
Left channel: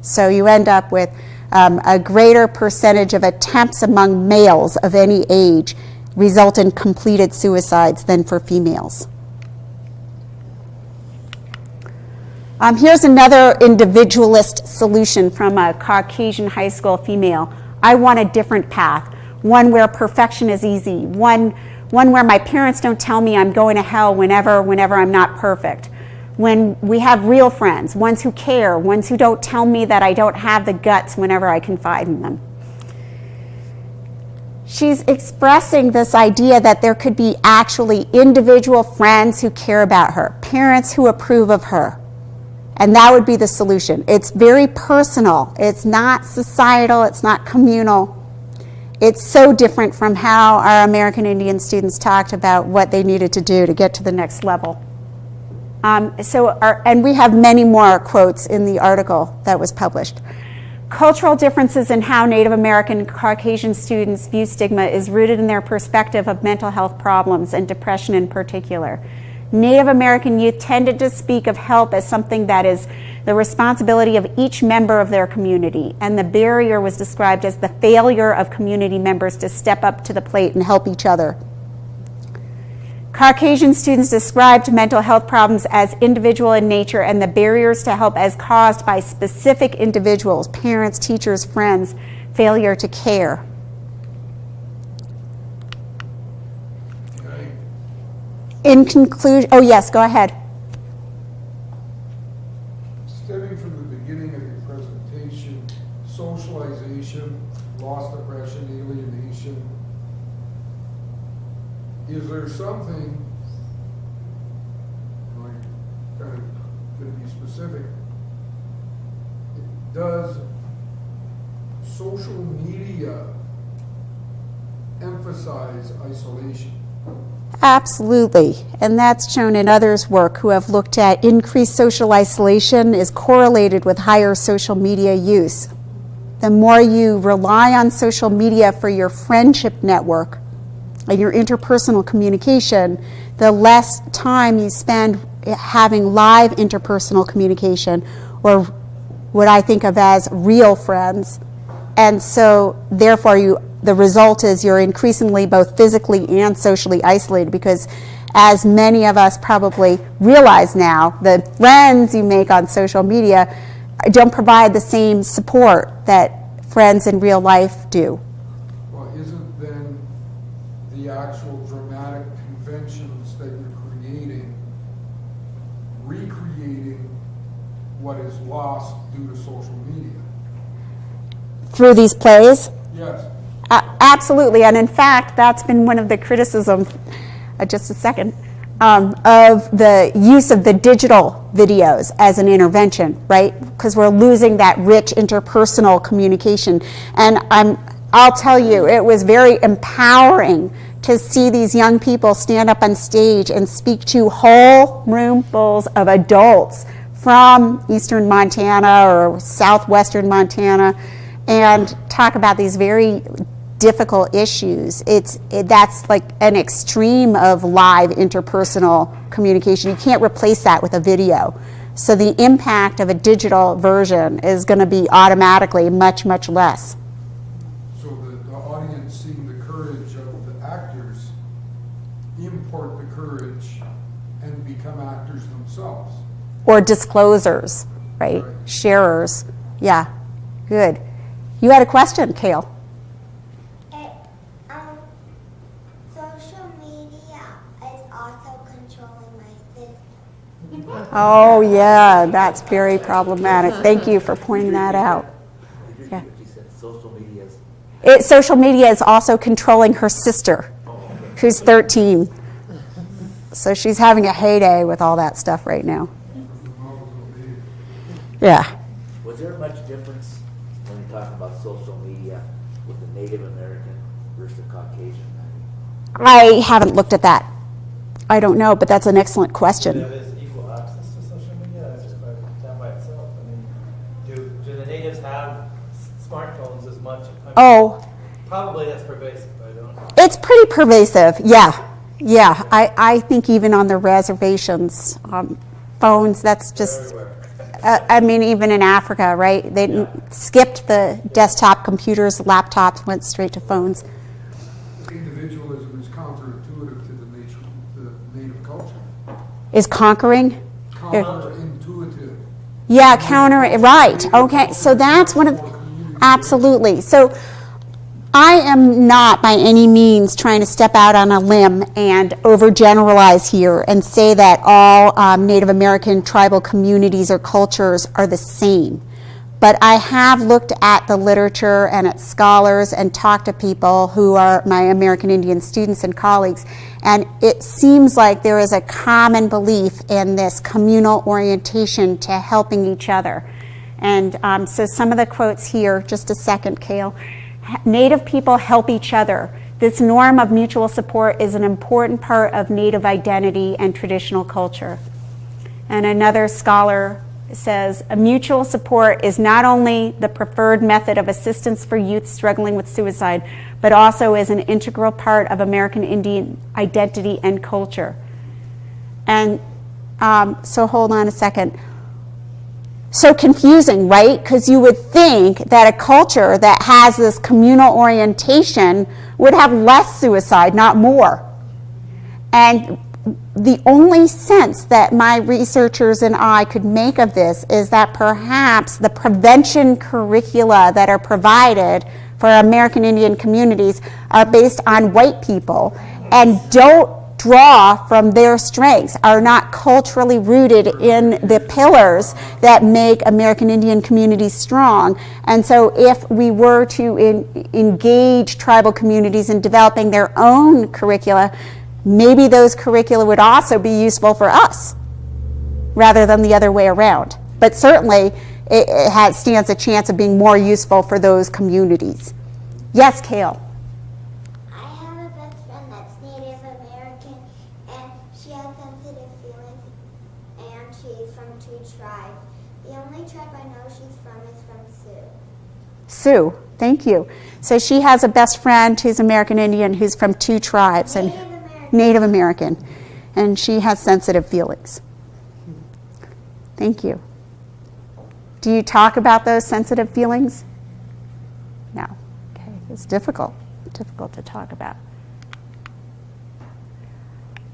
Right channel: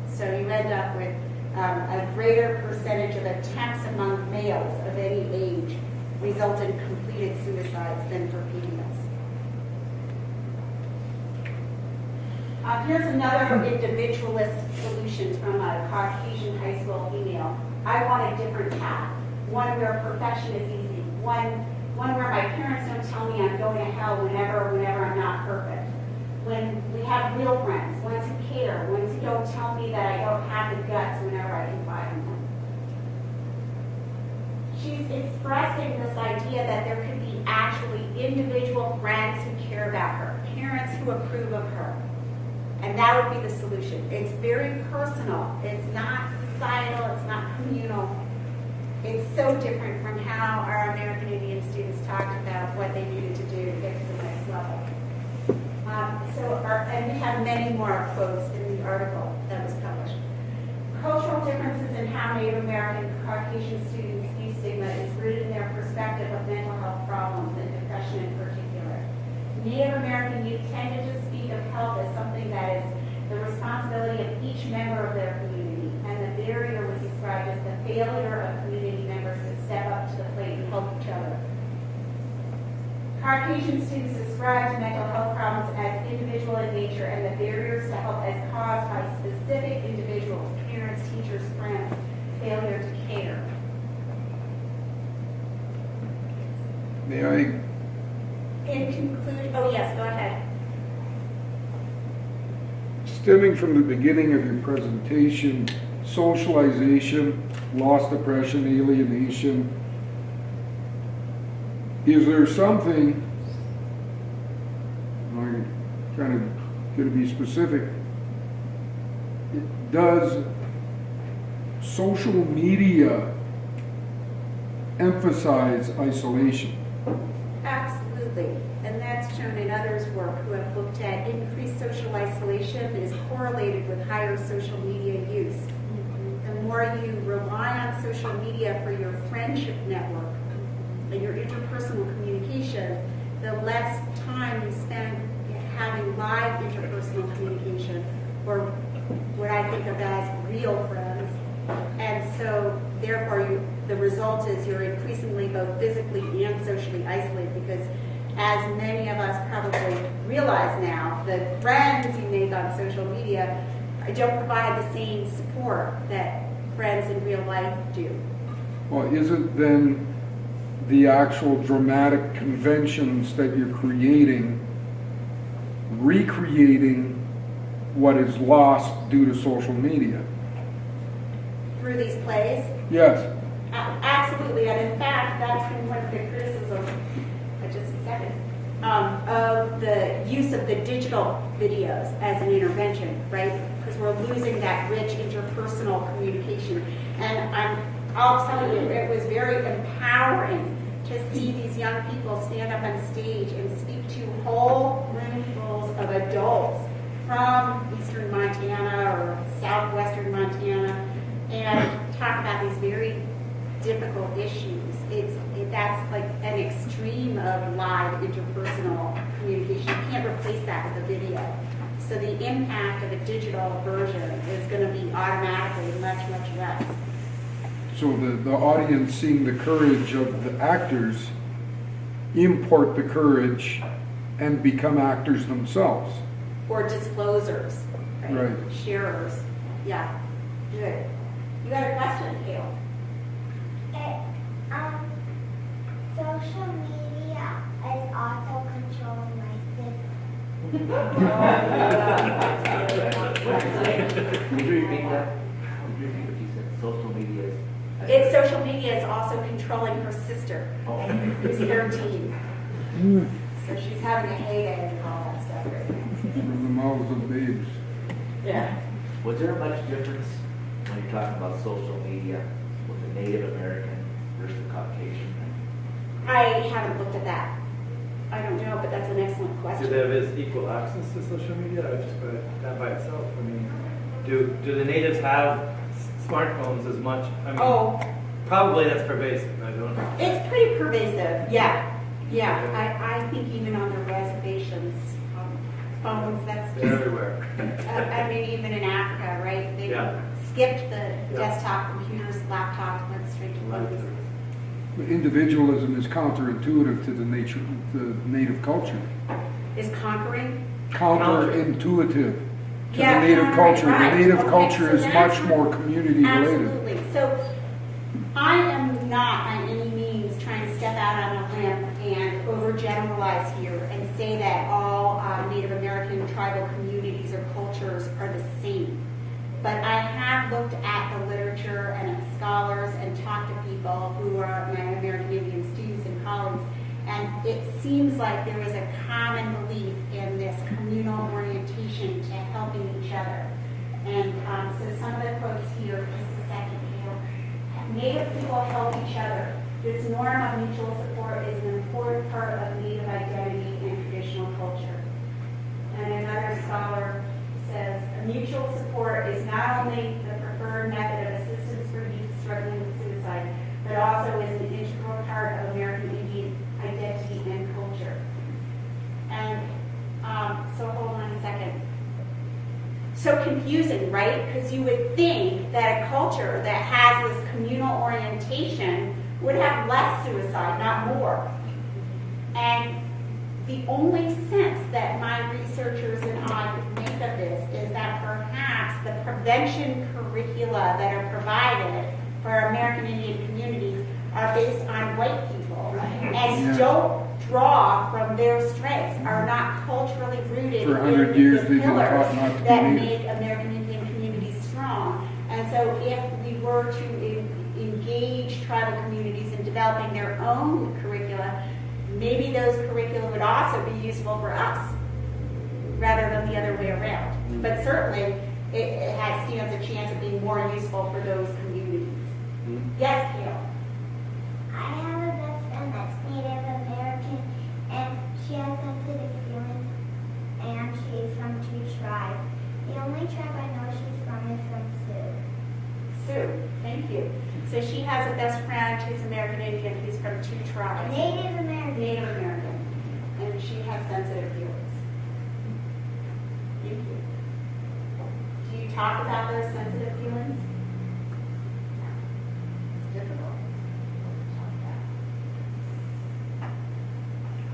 So you end up with a greater percentage of attempts among males of any age result in completed suicides than for females. Here's another individualist solution from a Caucasian high school female. I want a different path, one where perfection is easy, one where my parents don't tell me I'm going to hell whenever I'm not perfect. When we have real friends, ones who care, ones who don't tell me that I don't have the guts whenever I confide in them. She's expressing this idea that there could be actually individual friends who care about her, parents who approve of her, and that would be the solution. It's very personal. It's not societal. It's not communal. It's so different from how our American Indian students talked about what they needed to do to get to the next level. And we have many more quotes in the article that was published. Cultural differences in how Native American and Caucasian students view stigma is rooted in their perspective of mental health problems and depression in particular. Native American youth tended to speak of help as something that is the responsibility of each member of their community, and the barrier was described as the failure of community members to step up to the plate and help each other. Caucasian students described mental health problems as individual in nature and the barriers to help as caused by specific individuals, parents, teachers, friends, failure to care. May I? In conclusion, oh yes, go ahead. Stemming from the beginning of your presentation, socialization, loss, depression, alienation, is there something, I'm kind of going to be specific, does social media emphasize isolation? Absolutely, and that's shown in others' work who have looked at increased social isolation is correlated with higher social media use. The more you rely on social media for your friendship network and your interpersonal communication, the less time you spend having live interpersonal communication, or what I think of as real friends. And so therefore the result is you're increasingly both physically and socially isolated, because as many of us probably realize now, the friends you make on social media don't provide the same support that friends in real life do. Well, is it then the actual dramatic conventions that you're creating, recreating what is lost due to social media? Through these plays? Yes. Absolutely, and in fact, that's been one of the criticisms, just a second, of the use of the digital videos as an intervention, right? Because we're losing that rich interpersonal communication. And I'll tell you, it was very empowering to see these young people stand up on stage and speak to whole roomfuls of adults from eastern Montana or southwestern Montana and talk about these very difficult issues. That's like an extreme of live interpersonal communication. You can't replace that with a video. So the impact of a digital version is going to be automatically much, much less. So the audience, seeing the courage of the actors, import the courage and become actors themselves. Or disclosers, right? Sharers. Yeah, good. You had a question, Kale. Social media is also controlling my system. Oh yeah, that's very problematic. Thank you for pointing that out. Yeah. Social media is also controlling her sister, who's 13. So she's having a heyday with all that stuff right now. From the mouths of babes. Yeah. Was there much difference when you're talking about social media with the Native American versus the Caucasian? I haven't looked at that. I don't know, but that's an excellent Do they question. have equal access to social media, or just that by itself? I mean, do the natives have smartphones as much? I mean, Oh, probably that's pervasive. I don't know. it's pretty pervasive. Yeah. Yeah. I think even on the reservations, phones, that's They're just, everywhere. I mean, even in Africa, right? They Yeah. skipped the desktop computers, laptops, went straight to phones. Individualism is counterintuitive to the native culture. Is conquering? Counterintuitive. Yeah, Native counter, culture. right, Native okay, culture so is that's much one more of, community-oriented. absolutely. So I am not by any means trying to step out on a limb and overgeneralize here and say that all Native American tribal communities or cultures are the same. But I have looked at the literature and at scholars and talked to people who are my American Indian students and colleagues, and it seems like there is a common belief in this communal orientation to helping each other. And so some of the quotes here, just a second, Cale. Native people help each other. This norm of mutual support is an important part of Native identity and traditional culture. And another scholar says, a mutual support is not only the preferred method of assistance for youth struggling with suicide, but also is an integral part of American Indian identity and culture. And so hold on a second. So confusing, right? Because you would think that a culture that has this communal orientation would have less suicide, not more. And the only sense that my researchers and I could make of this is that perhaps the prevention curricula that are provided for American Indian communities are based on white people and don't draw from their strengths, are not culturally rooted in the pillars that make American Indian communities strong. And so if we were to engage tribal communities in developing their own curricula, maybe those curricula would also be useful for us rather than the other way around. But certainly it stands a chance of being more useful for those communities. Yes, Cale? I have a best friend that's Native American, and she has sensitive feelings, and she's from 2 tribes. The only tribe I know she's from is from Sioux. Sue, thank you. So she has a best friend who's American Indian who's from 2 tribes. And Native American, and she has sensitive feelings. Thank you. Do you talk about those sensitive feelings? No. Okay. It's difficult to talk about.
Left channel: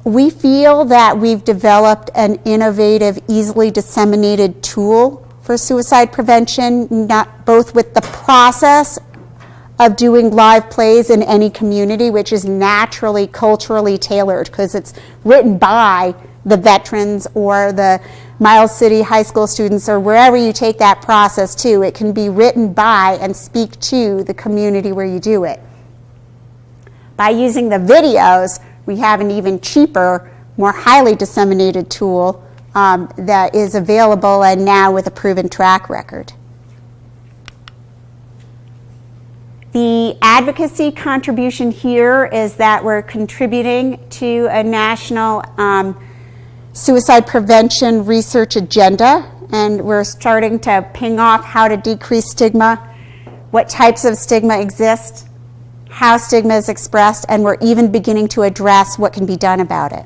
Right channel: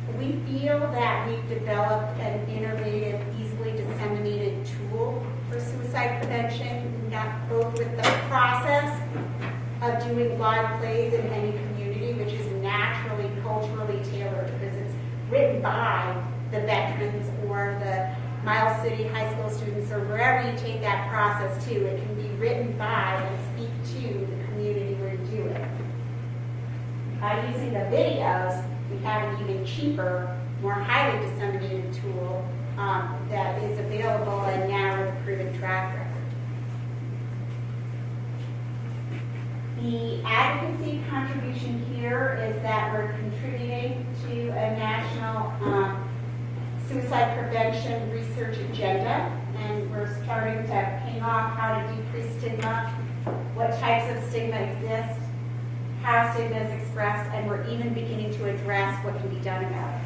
We feel that we've developed an innovative, easily disseminated tool for suicide prevention, not both with the process of doing live plays in any community, which is naturally culturally tailored because it's written by the veterans or the Miles City high school students or wherever you take that process to. It can be written by and speak to the community where you do it. By using the videos, we have an even cheaper, more highly disseminated tool that is available and now with a proven track record. The advocacy contribution here is that we're contributing to a national suicide prevention research agenda, and we're starting to ping off how to decrease stigma, what types of stigma exist, how stigma is expressed, and we're even beginning to address what can be done about it.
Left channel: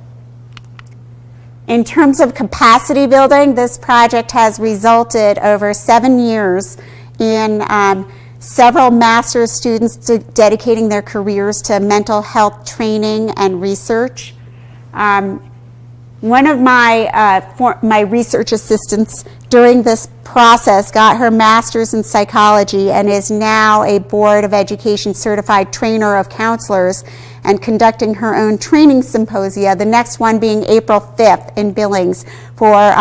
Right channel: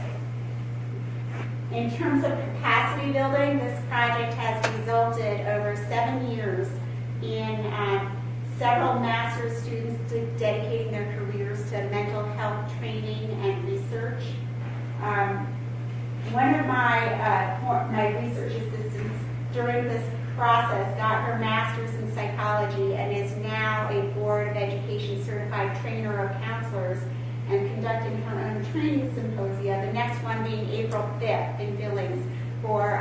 In terms of capacity building, this project has resulted over 7 years in several master's students dedicating their careers to mental health training and research. One of my research assistants during this process got her master's in psychology and is now a Board of Education certified trainer of counselors and conducting her own training symposia, the next one being April 5th in Billings for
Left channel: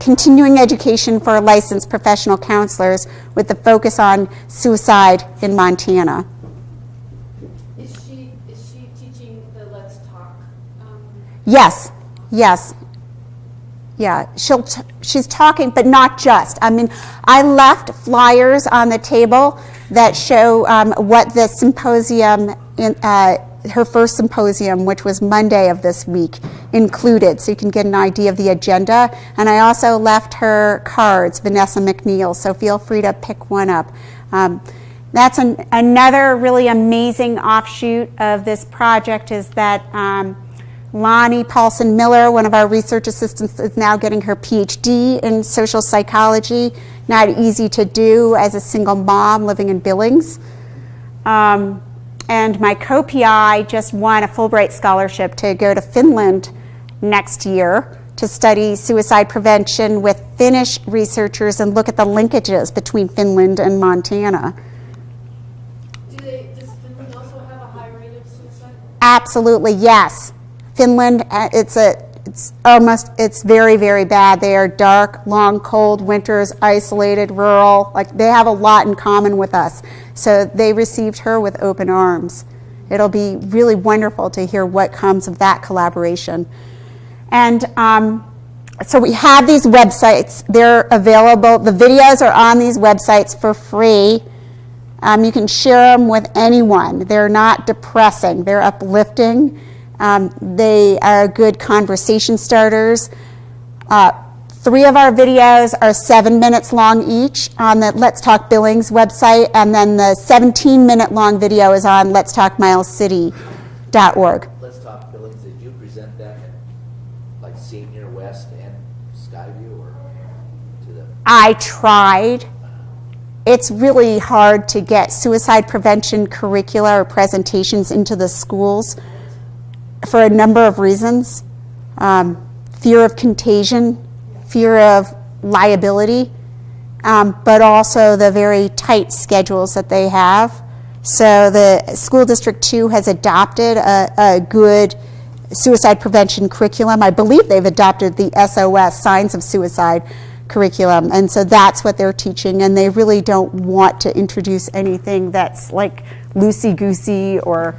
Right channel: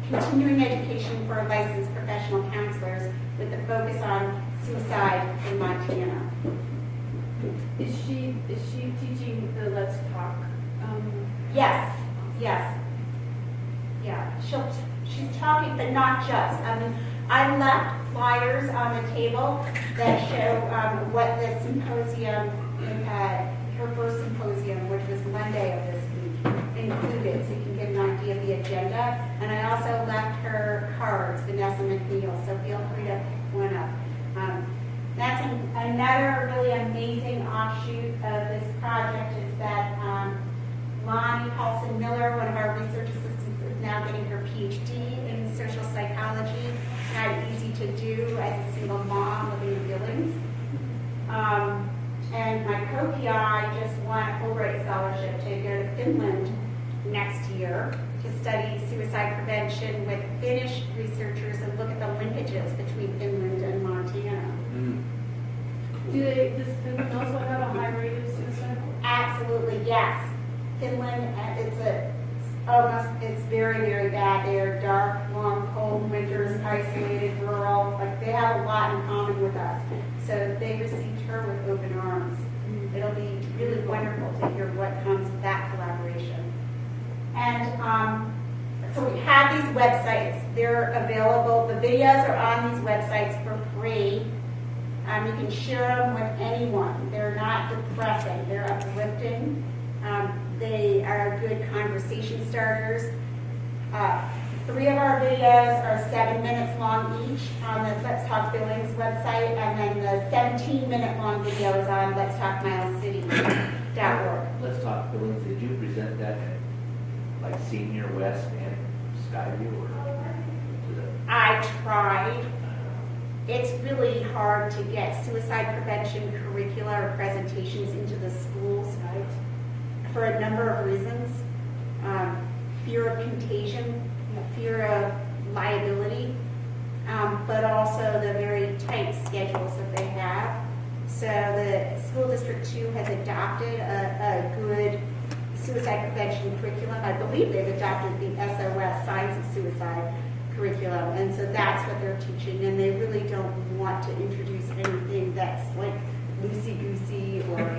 continuing education for licensed professional counselors with the focus on suicide in Montana. Is she teaching the Let's Talk? Yes. Yeah, she's talking, but not just. I mean, I left flyers on the table that show what the symposium, her first symposium, which was Monday of this week, included, so you can get an idea of the agenda. And I also left her cards, Vanessa McNeil, so feel free to pick one up. That's another really amazing offshoot of this project is that Lonnie Paulson-Miller, one of our research assistants, is now getting her PhD in social psychology. Not easy to do as a single mom living in Billings. And my co-PI just won a Fulbright scholarship to go to Finland next year to study suicide prevention with Finnish researchers and look at the linkages between Finland and Montana. Does Finland also have a high rate of suicide? Absolutely, yes. Finland, it's very, very bad. They are dark, long, cold winters, isolated, rural. Like, they have a lot in common with us. So they received her with open arms. It'll be really wonderful to hear what comes of that collaboration. And so we have these websites. They're available. The videos are on these websites for free. You can share them with anyone. They're not depressing. They're uplifting. They are good conversation starters. 3 of our videos are 7 minutes long each on the Let's Talk Billings website, and then the 17-minute long video is on letstalkmilescity.org. Let's Talk Billings, did you present that at like Senior West and Skyview or to the? I tried. It's really hard to get suicide prevention curricula or presentations into the schools for a number of reasons. Fear of contagion, fear of liability, but also the very tight schedules that they have. So the School District 2 has adopted a good suicide prevention curriculum. I believe they've adopted the SOS, Signs of Suicide curriculum, and so that's what they're teaching, and they really don't want to introduce anything that's like loosey-goosey or,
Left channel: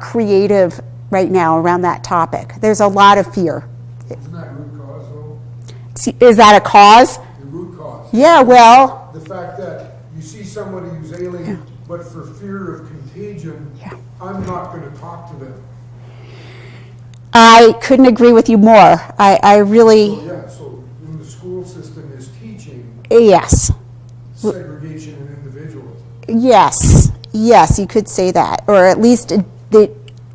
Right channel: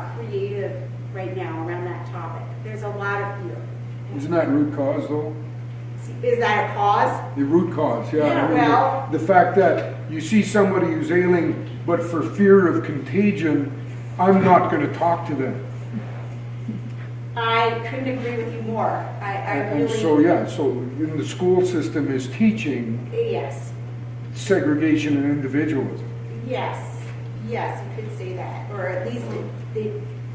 creative right now around that topic. There's a lot of fear. Isn't that root cause, though? Is that a cause? The root cause. Yeah, well. The fact that you see somebody who's ailing, but for fear of contagion, I'm not going to talk to them. I couldn't agree with you more. I really. So in the school system is teaching. Yes. Segregation and individualism. Yes, you could say that, or at least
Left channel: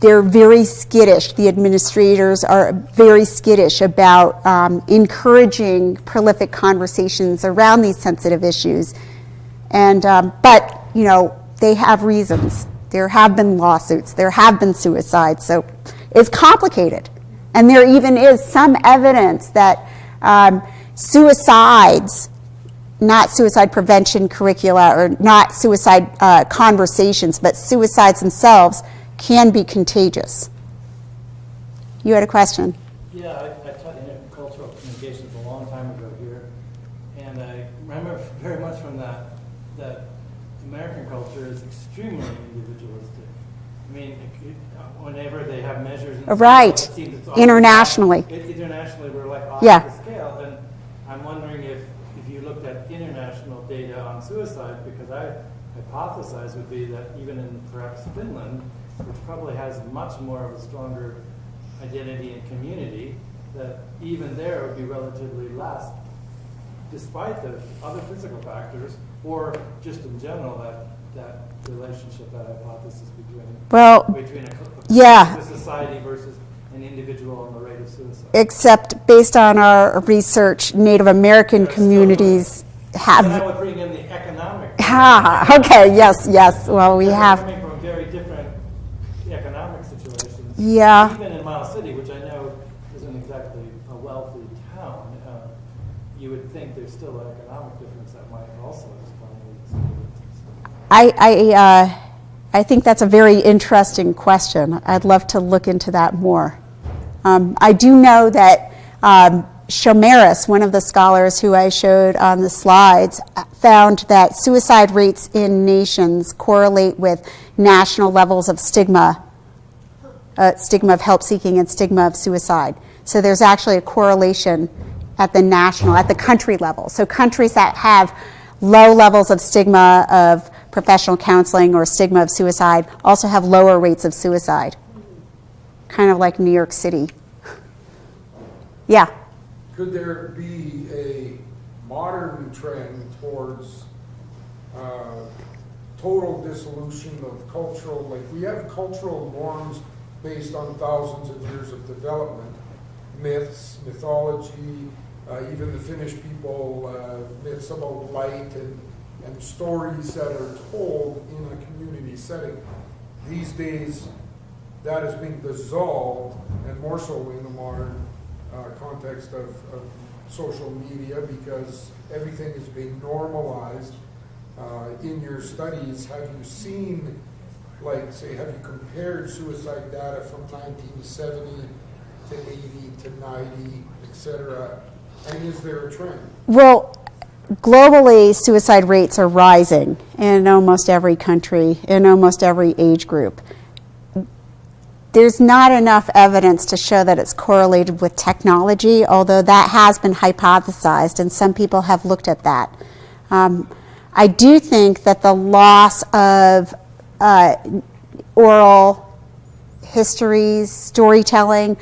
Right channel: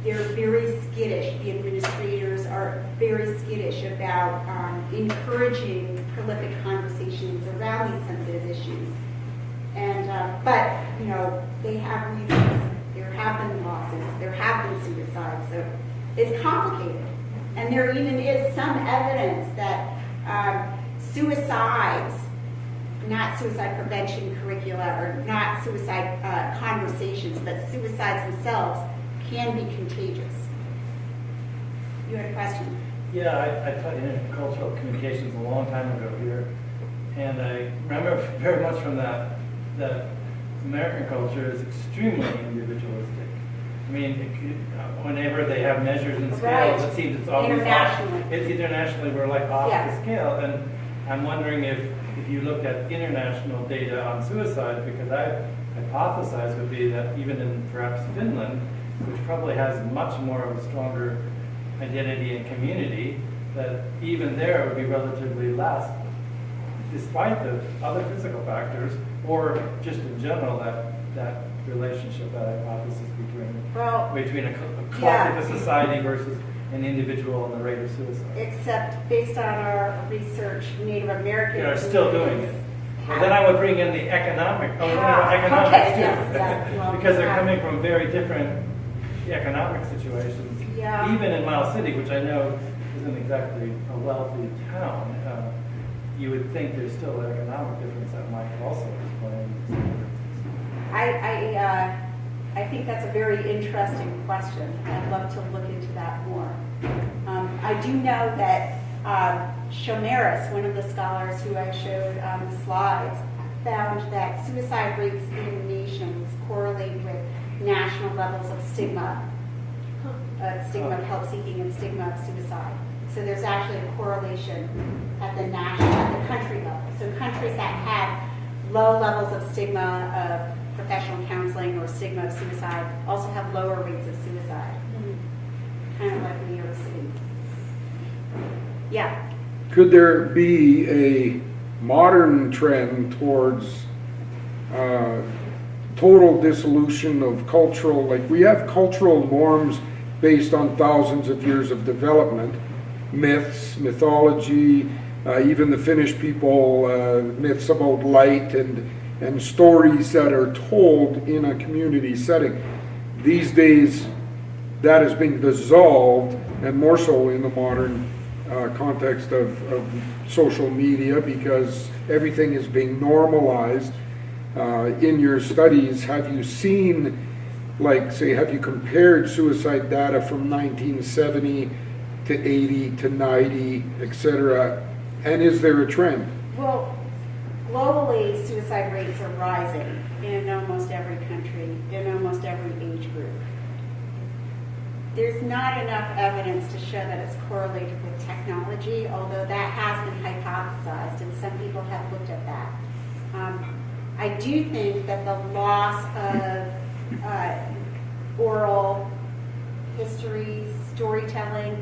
they're very skittish. The administrators are very skittish about encouraging prolific conversations around these sensitive issues. And but they have reasons. There have been lawsuits. There have been suicides. So it's complicated. And there even is some evidence that suicides, not suicide prevention curricula or not suicide conversations, but suicides themselves can be contagious. You had a question? Yeah, I taught intercultural communications a long time ago here, and I remember very much from that American culture is extremely individualistic. I mean, whenever they have measures in right. scale, it seems it's always internationally. Internationally, we're like off Yeah. the scale, and I'm wondering if you looked at international data on suicide, because I hypothesize would be that even in perhaps Finland, which probably has much more of a stronger identity and community, that even there it would be relatively less, despite the other physical factors, or just in general that relationship, that hypothesis between a society versus an individual and the rate of suicide. Except based on our research, Native American communities have. Then I would bring in the economic. Okay, yes. Well, we have. They're coming from very different economic situations. Yeah. Even in Miles City, which I know isn't exactly a wealthy town, you would think there's still an economic difference that might also explain. I think that's a very interesting question. I'd love to look into that more. I do know that Shomaris, one of the scholars who I showed on the slides, found that suicide rates in nations correlate with national levels of stigma of help seeking and stigma of suicide. So there's actually a correlation at the country level. So countries that have low levels of stigma of professional counseling or stigma of suicide also have lower rates of suicide. Kind of like New York City. Yeah. Could there be a modern trend towards total dissolution of cultural, like we have cultural norms based on thousands of years of development, myths, mythology, even the Finnish people, myths about light and stories that are told in a community setting. These days, that is being dissolved, and more so in the modern context of social media, because everything is being normalized. In your studies, have you seen, like, say, have you compared suicide data from 1970 to 80 to 90, et cetera, and is there a trend? Well, globally, suicide rates are rising in almost every country, in almost every age group. There's not enough evidence to show that it's correlated with technology, although that has been hypothesized, and some people have looked at that. I do think that the loss of oral histories, storytelling,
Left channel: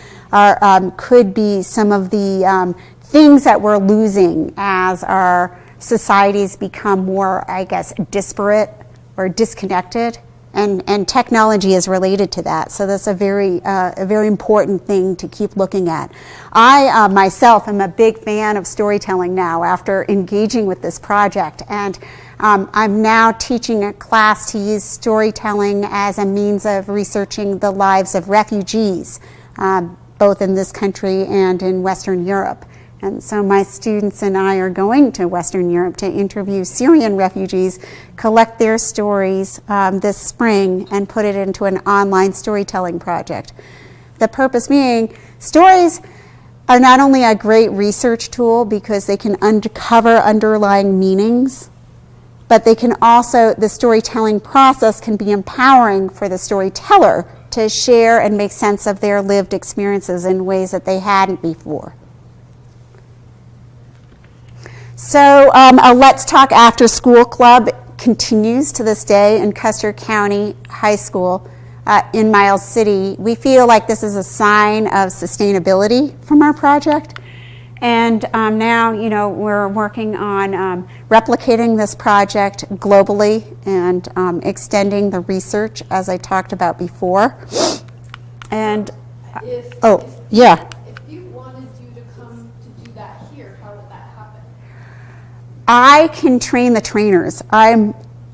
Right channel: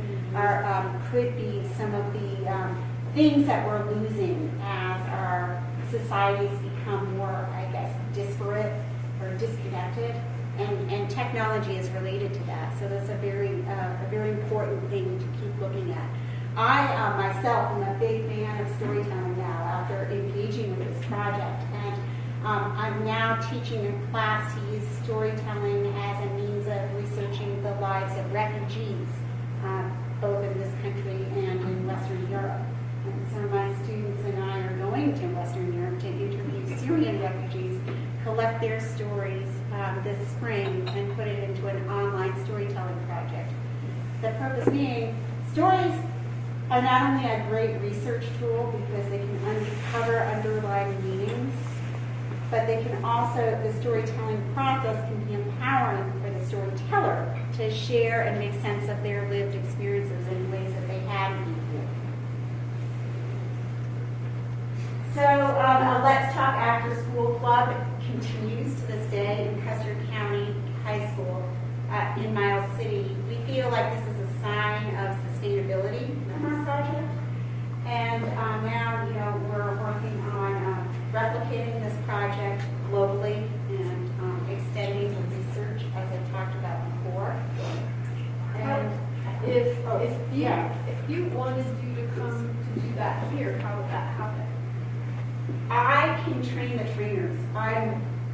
could be some of the things that we're losing as our societies become more, I guess, disparate or disconnected. And technology is related to that, so that's a very important thing to keep looking at. I myself am a big fan of storytelling now after engaging with this project, and I'm now teaching a class to use storytelling as a means of researching the lives of refugees, both in this country and in Western Europe. And so my students and I are going to Western Europe to interview Syrian refugees, collect their stories this spring, and put it into an online storytelling project. The purpose being, stories are not only a great research tool because they can uncover underlying meanings, but they can also, the storytelling process can be empowering for the storyteller to share and make sense of their lived experiences in ways that they hadn't before. So a Let's Talk After School Club continues to this day in Custer County High School in Miles City. We feel like this is a sign of sustainability from our project. And now, we're working on replicating this project globally and extending the research, as I talked about before. And, If yeah. If you wanted you to come to do that here, how would that happen? I can train the trainers. I'm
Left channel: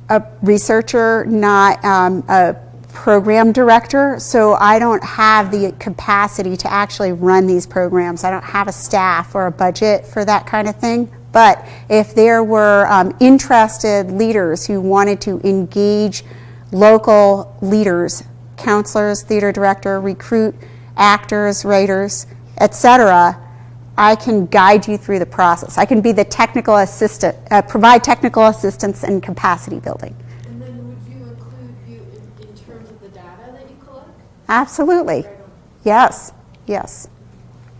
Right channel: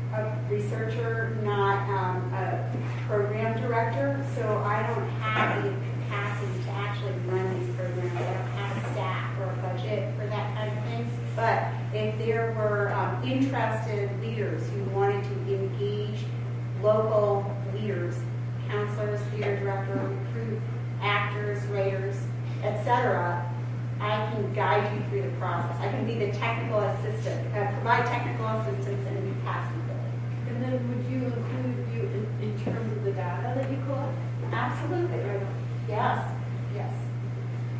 a researcher, not a program director, so I don't have the capacity to actually run these programs. I don't have a staff or a budget for that kind of thing. But if there were interested leaders who wanted to engage local leaders, counselors, theater director, recruit actors, writers, etc., I can guide you through the process. I can be the technical assistant, provide technical assistance and capacity building. And then would you include you in terms of the data that you collect? Absolutely. Right on. Yes, yes.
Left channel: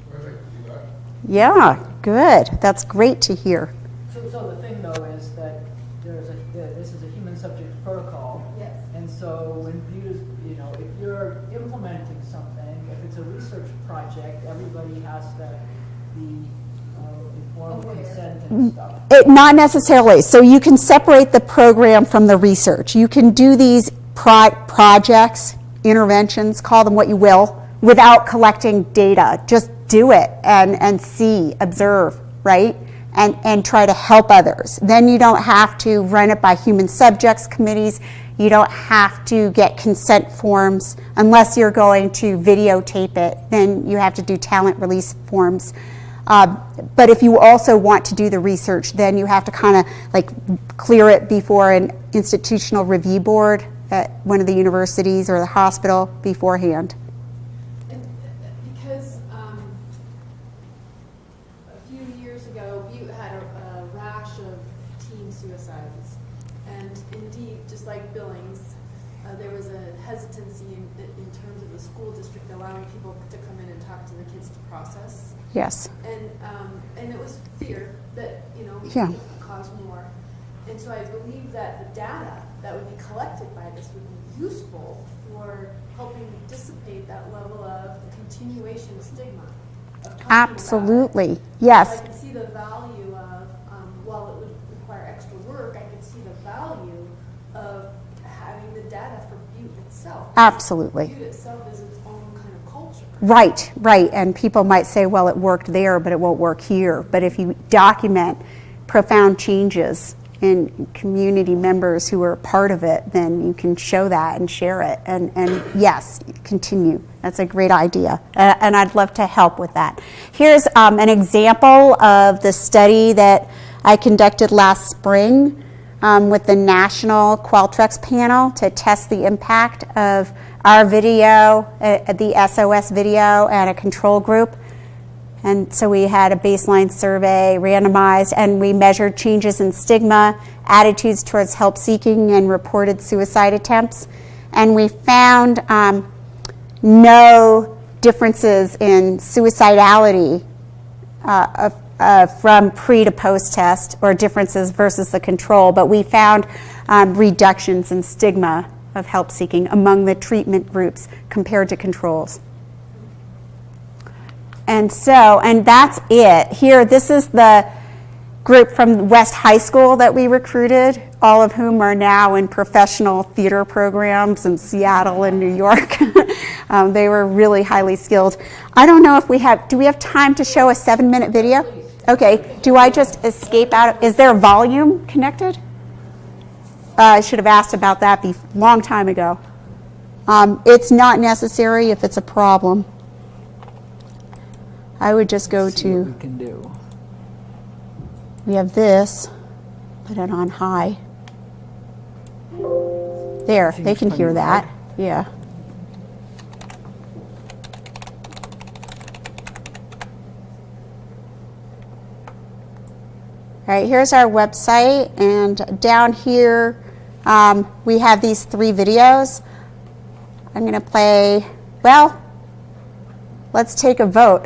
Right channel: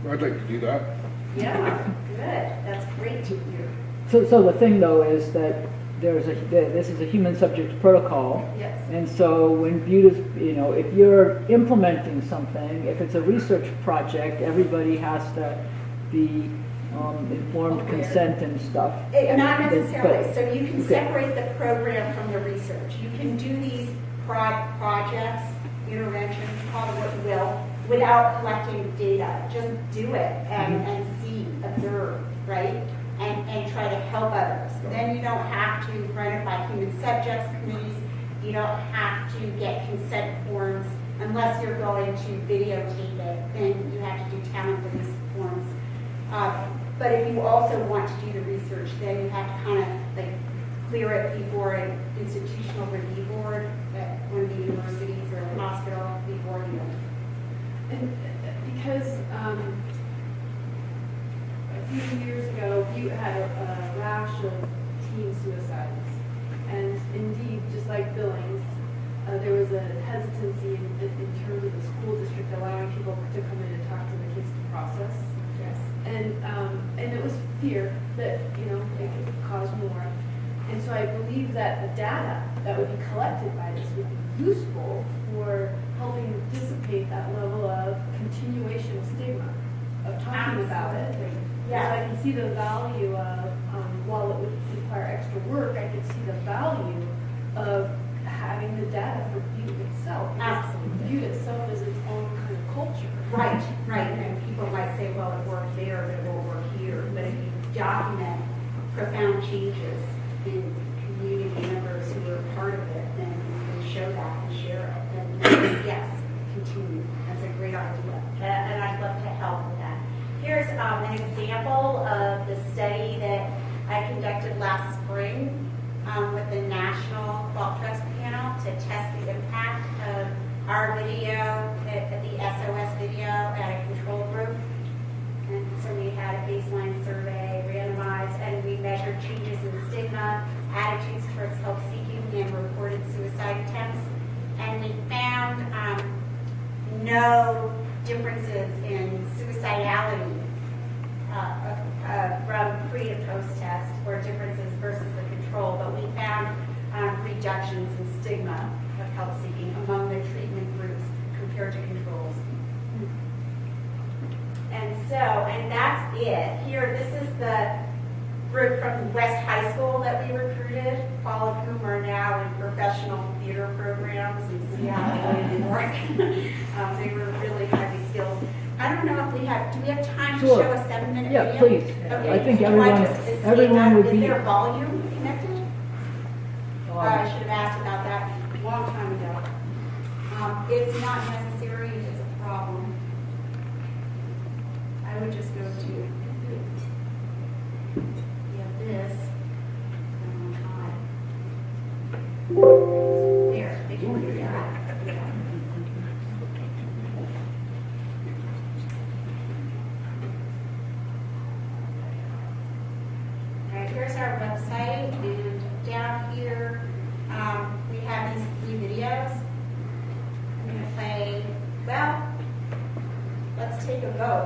I'd like to do that. Yeah, good. That's great to hear. So the thing though is that this is a human subject protocol. Yes. And so when viewed as, if you're implementing something, if it's a research project, everybody has to be informed consent and stuff. Not necessarily. So you can separate the program from the research. You can do these projects, interventions, call them what you will, without collecting data. Just do it and see, observe, right? And try to help others. Then you don't have to run it by human subjects committees. You don't have to get consent forms unless you're going to videotape it. Then you have to do talent release forms. But if you also want to do the research, then you have to kind of like clear it before an institutional review board at one of the universities or the hospital beforehand. And because a few years ago, you had a rash of teen suicides. And indeed, just like Billings, there was a hesitancy in terms of the school district allowing people to come in and talk to the kids to process. Yes. And it was fear that, Yeah. it would cause more. And so I believe that the data that would be collected by this would be useful for helping dissipate that level of continuation of stigma. Of talking about it. Absolutely. Yes. So I can see the value of, while it would require extra work, I can see the value of having the data for Butte itself. Absolutely. Butte itself is its own kind of culture. Right. And people might say, well, it worked there, but it won't work here. But if you document profound changes and community members who are part of it, then you can show that and share it. And yes, continue. That's a great idea. And I'd love to help with that. Here's an example of the study that I conducted last spring with the National Qualtrics panel to test the impact of our video, the SOS video, and a control group. And so we had a baseline survey, randomized, and we measured changes in stigma, attitudes towards help seeking, and reported suicide attempts. And we found no differences in suicidality from pre to post test, or differences versus the control, but we found reductions in stigma of help seeking among the treatment groups compared to controls. And that's it. Here, this is the group from West High School that we recruited, all of whom are now in professional theater programs in Seattle and New York. They were really highly skilled. I don't know if do we have time to show a 7-minute video? please. Okay, do I just escape out? Is there volume connected? I should have asked about that a long time ago. It's not necessary if it's a problem. I would just go to, we have this, put it on high. There, they can hear that, yeah. All right, here's our website, and down here we have these 3 videos. I'm going to play, well, let's take a vote.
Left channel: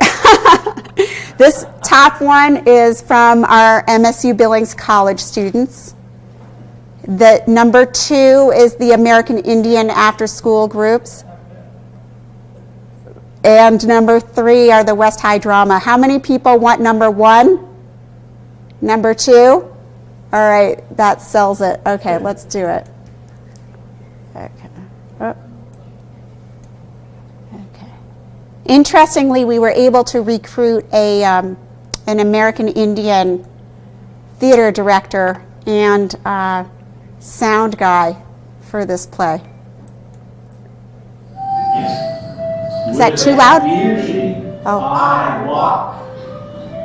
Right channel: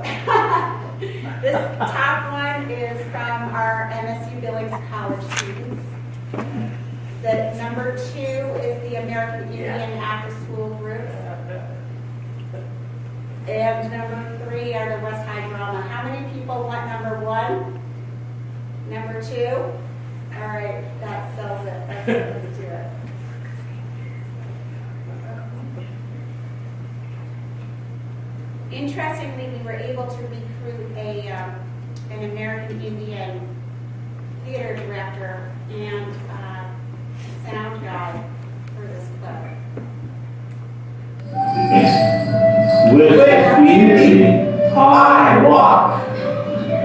This top one is from our MSU-Billings college students. The number 2 is the American Indian after-school groups. And number 3 are the West High Drama. How many people want number 1? Number 2? All right, that sells it. Okay, let's do it. Okay. Oh. Interestingly, we were able to recruit an American Indian theater director and sound guy for this play. Is that too loud? Oh. I walk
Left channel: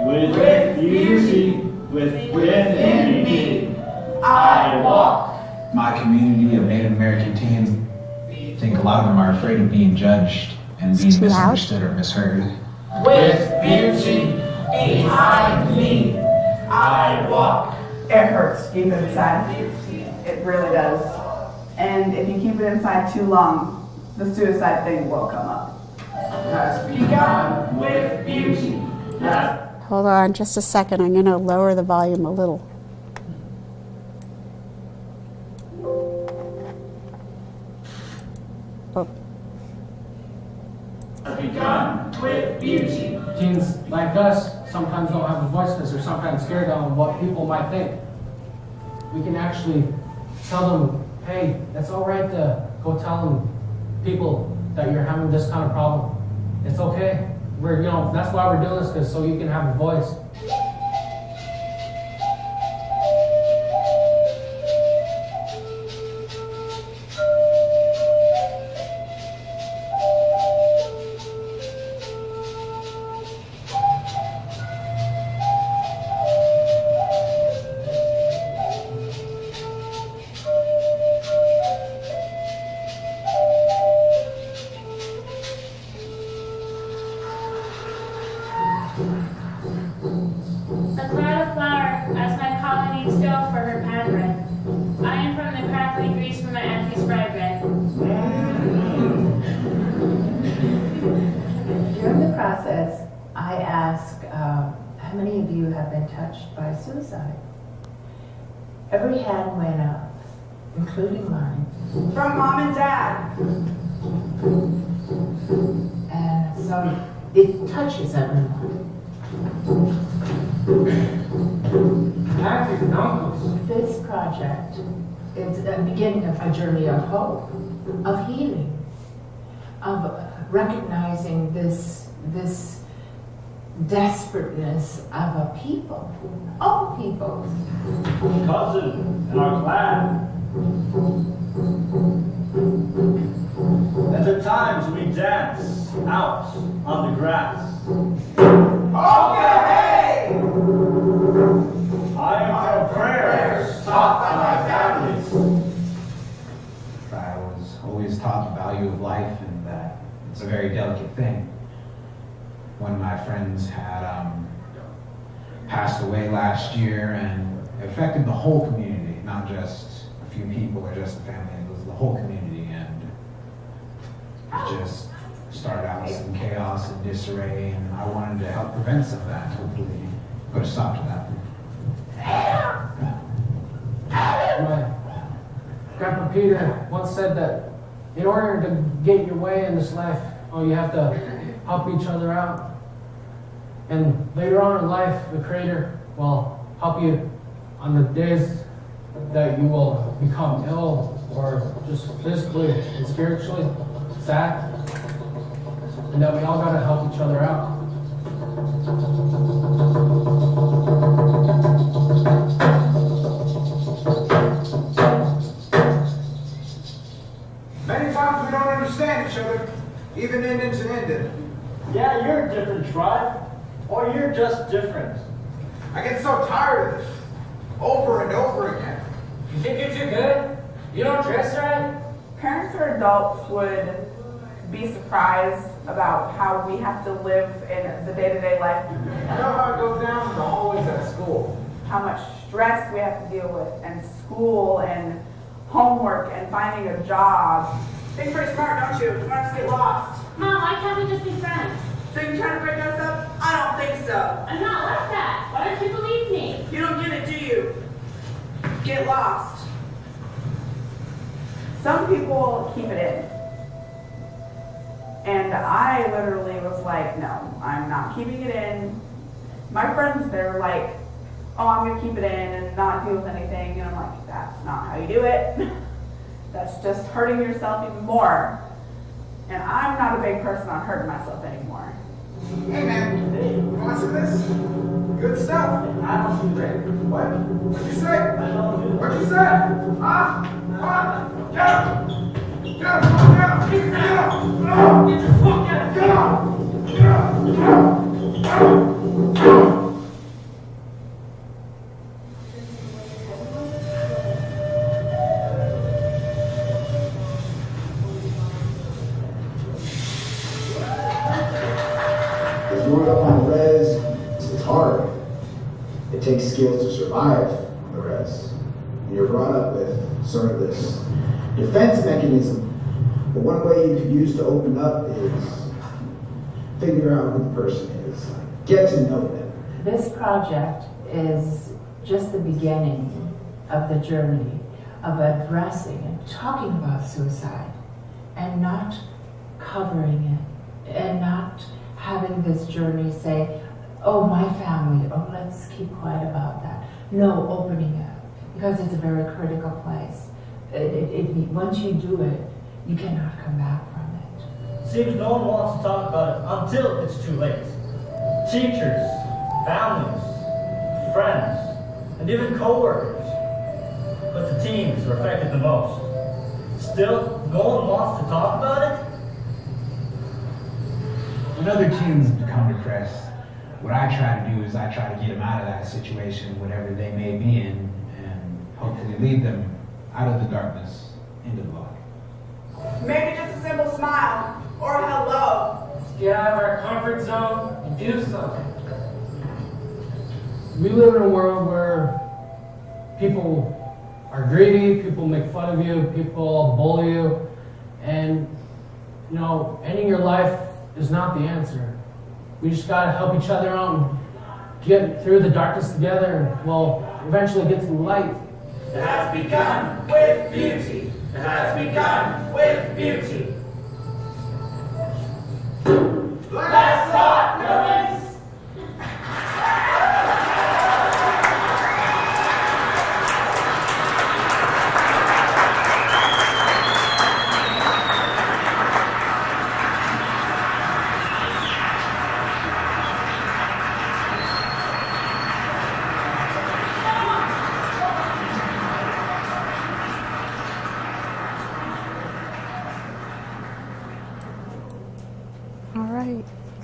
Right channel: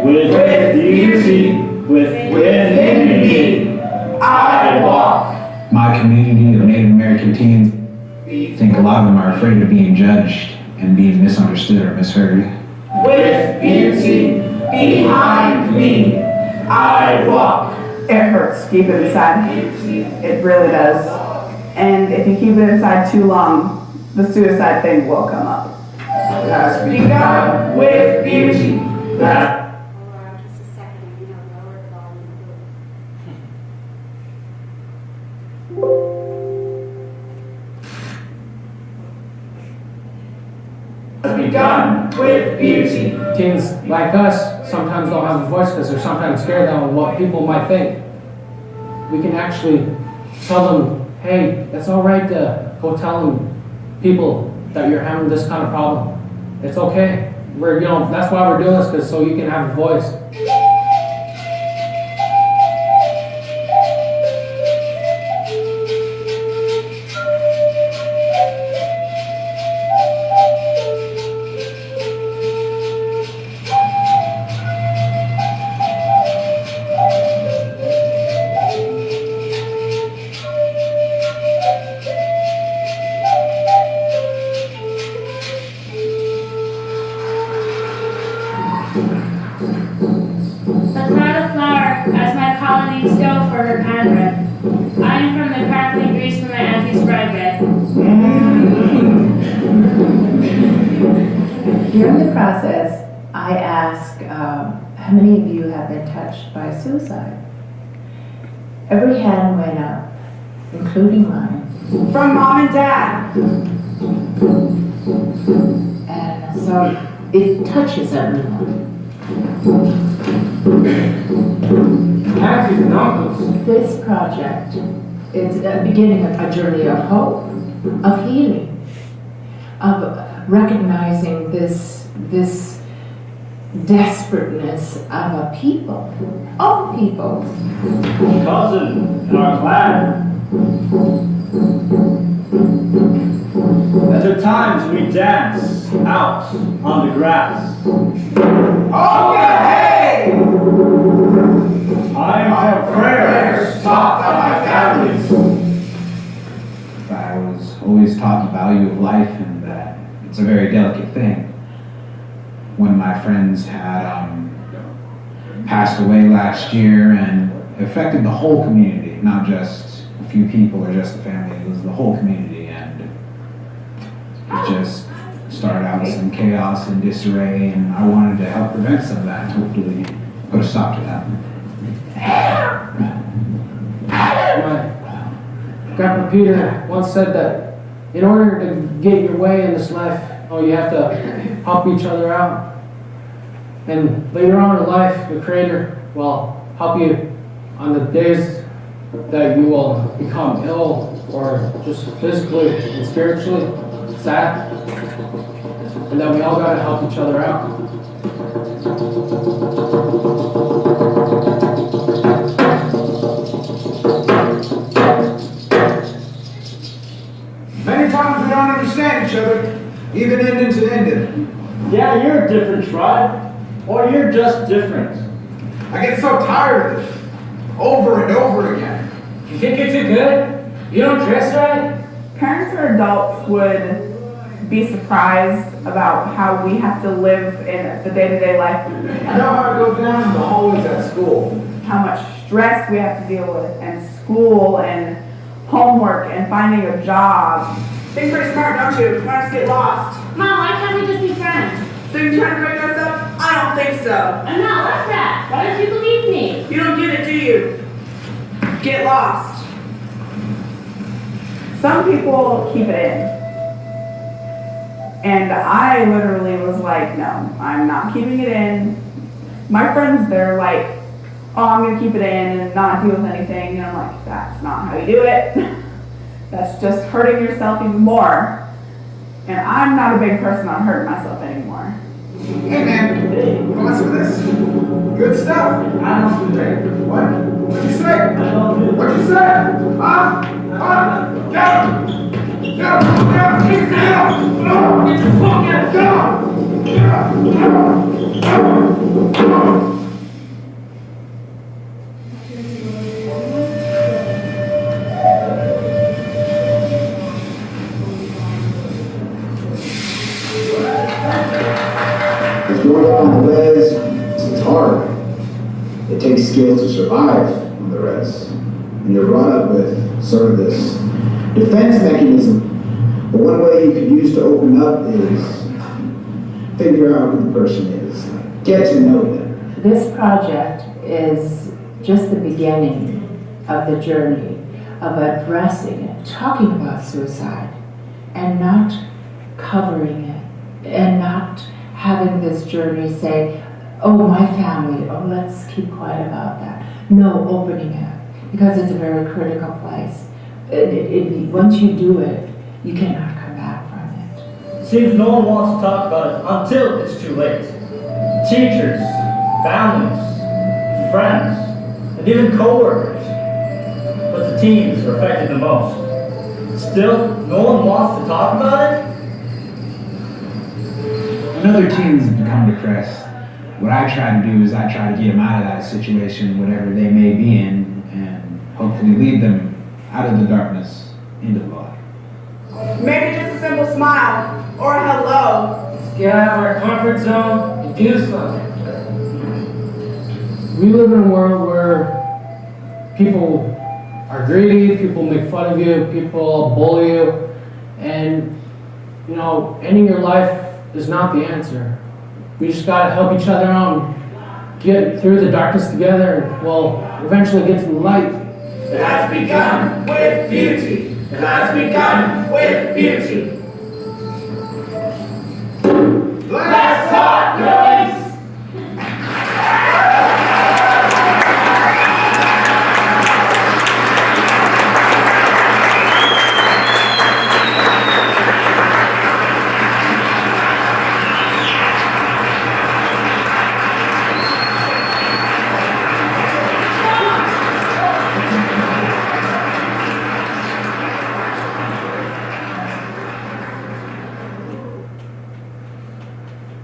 with beauty within me. I walk. My community of Native American teens, I think a lot of them are afraid of being judged and being misunderstood or misheard. With beauty behind me, I walk. It hurts to keep it inside. It really does. And if you keep it inside too long, the suicide thing will come up. Has begun with beauty. Hold on just a second. I'm going to lower the volume a little. Begun with beauty. Teens like us sometimes don't have a voice because they're sometimes scared of what people might think. We can actually tell them, hey, it's all right to go tell them people that you're having this kind of problem. It's okay. That's why we're doing this, because so you can have a voice. During the process, I ask, how many of you have been touched by suicide? Every hand went up, including mine. From mom and dad. And so it touches everyone. This project is the beginning of a journey of hope, of healing, of recognizing this desperateness of a people, all people. Cousin in our clan. At times we dance out on the grass. Okay! I am from prayers taught by my families. I was always taught the value of life and that it's a very delicate thing. One of my friends had passed away last year and it affected the whole community, not just a few people or just the family, it was the whole community, and it just started out with some chaos and disarray, and I wanted to help prevent some of that and hopefully put a stop to that. My Grandpa Peter once said that in order to get your way in this life, you have to help each other out. And later on in life, the Creator will help you on the days that you will become ill or just physically and spiritually sad. And that we all gotta help each other out. Many times we don't understand each other, even ending to ending. Yeah, you're a different tribe. Or you're just different. I get so tired of this, over and over again. You think you're too good? You don't dress right? Parents or adults would be surprised about how we have to live in the day-to-day life. I know how it goes down in the hallways at school. How much stress we have to deal with, and school, and homework, and finding a job. Think pretty smart, don't you? You want to get lost. Mom, why can't we just be friends? So you're trying to break us up? I don't think so. I'm not like that. Why don't you believe me? You don't get it, do you? Get lost. Some people keep it in. And I literally was like, no, I'm not keeping it in. My friends, they're like, oh, I'm going to keep it in and not deal with anything. And I'm like, that's not how you do it. That's just hurting yourself even more. And I'm not a big person on hurting myself anymore. Hey man, you want some of this? Good stuff. I don't do that. What? What'd you say? What'd you say? Huh? Get up! Get up! Get up! Get up! Get your fuck out! Get up! Get up! Get up! Get up! Growing up on the res is hard. It takes skills to survive on the res. And you're brought up with sort of this defense mechanism. But one way you could use to open up is figure out who the person is. Get to know them. This project is just the beginning of the journey of addressing it, talking about suicide, and not covering it, and not having this journey say, oh, my family, oh, let's keep quiet about that. No, opening it, because it's a very critical place. Once you do it, you cannot come back from it. Seems no one wants to talk about it until it's too late. Teachers, families, friends, and even co-workers. But the teens are affected the most. Still, no one wants to talk about it? When other teens become depressed, what I try to do is I try to get them out of that situation, whatever they may be in, and hopefully lead them out of the darkness into the light. Maybe just a simple smile or a hello. Let's get out of our comfort zone and do something. We live in a world where people are greedy, people make fun of you, people bully you, and ending your life is not the answer. We just gotta help each other out and get through the darkness together, and we'll eventually get to the light. It has begun with beauty. It has begun with beauty. Let's talk, girlies!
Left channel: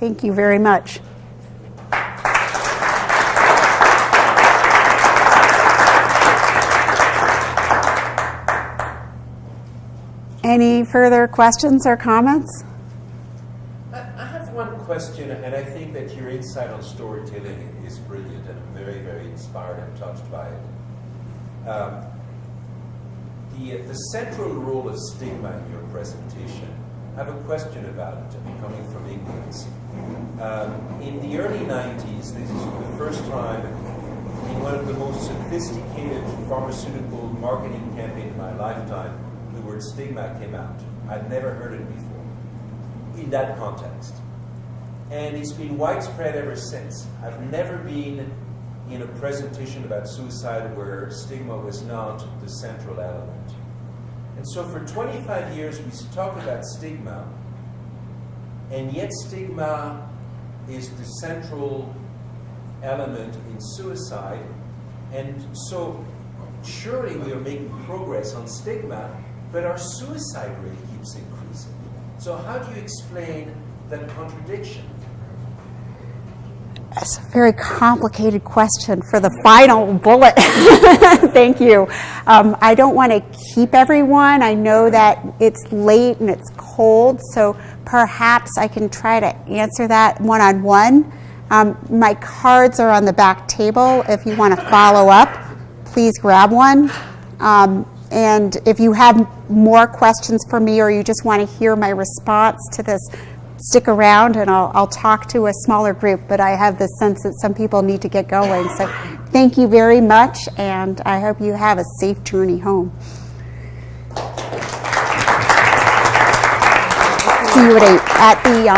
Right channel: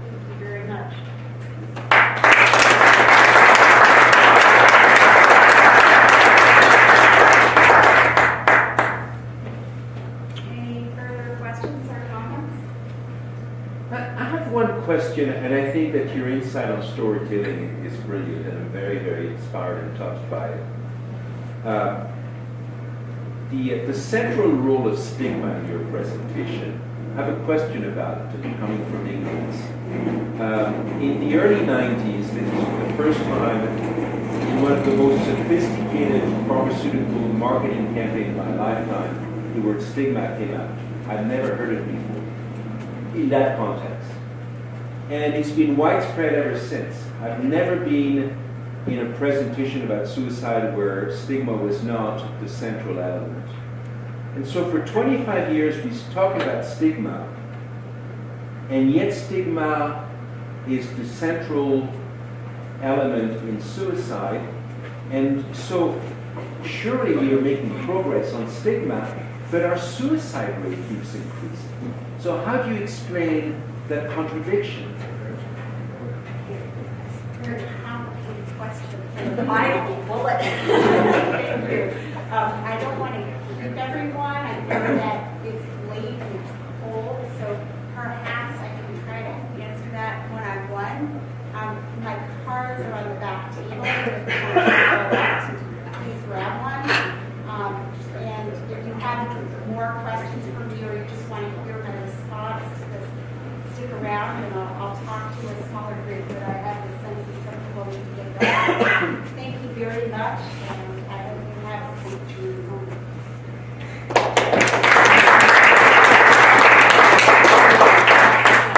Thank you very much. Any further questions or comments? I have one question, and I think that your insight on storytelling is brilliant, and I'm very, very inspired and touched by it. The central role of stigma in your presentation, I have a question about it, coming from England. In the early 90s, this was for the first time in one of the most sophisticated pharmaceutical marketing campaigns of my lifetime, the word stigma came out. I'd never heard it before in that context. And it's been widespread ever since. I've never been in a presentation about suicide where stigma was not the central element. And so for 25 years we talk about stigma, and yet stigma is the central element in suicide. And so surely we are making progress on stigma, but our suicide rate keeps increasing. So how do you explain that contradiction? That's a very complicated question for the final bullet. Thank you. I don't want to keep everyone. I know that it's late and it's cold, so perhaps I can try to answer that one-on-one. My cards are on the back table. If you want to follow up, please grab one. And if you have more questions for me or you just want to hear my response to this, stick around and I'll talk to a smaller group, but I have the sense that some people need to get going. So thank you very much, and I hope you have a safe journey home. See you at 8 at the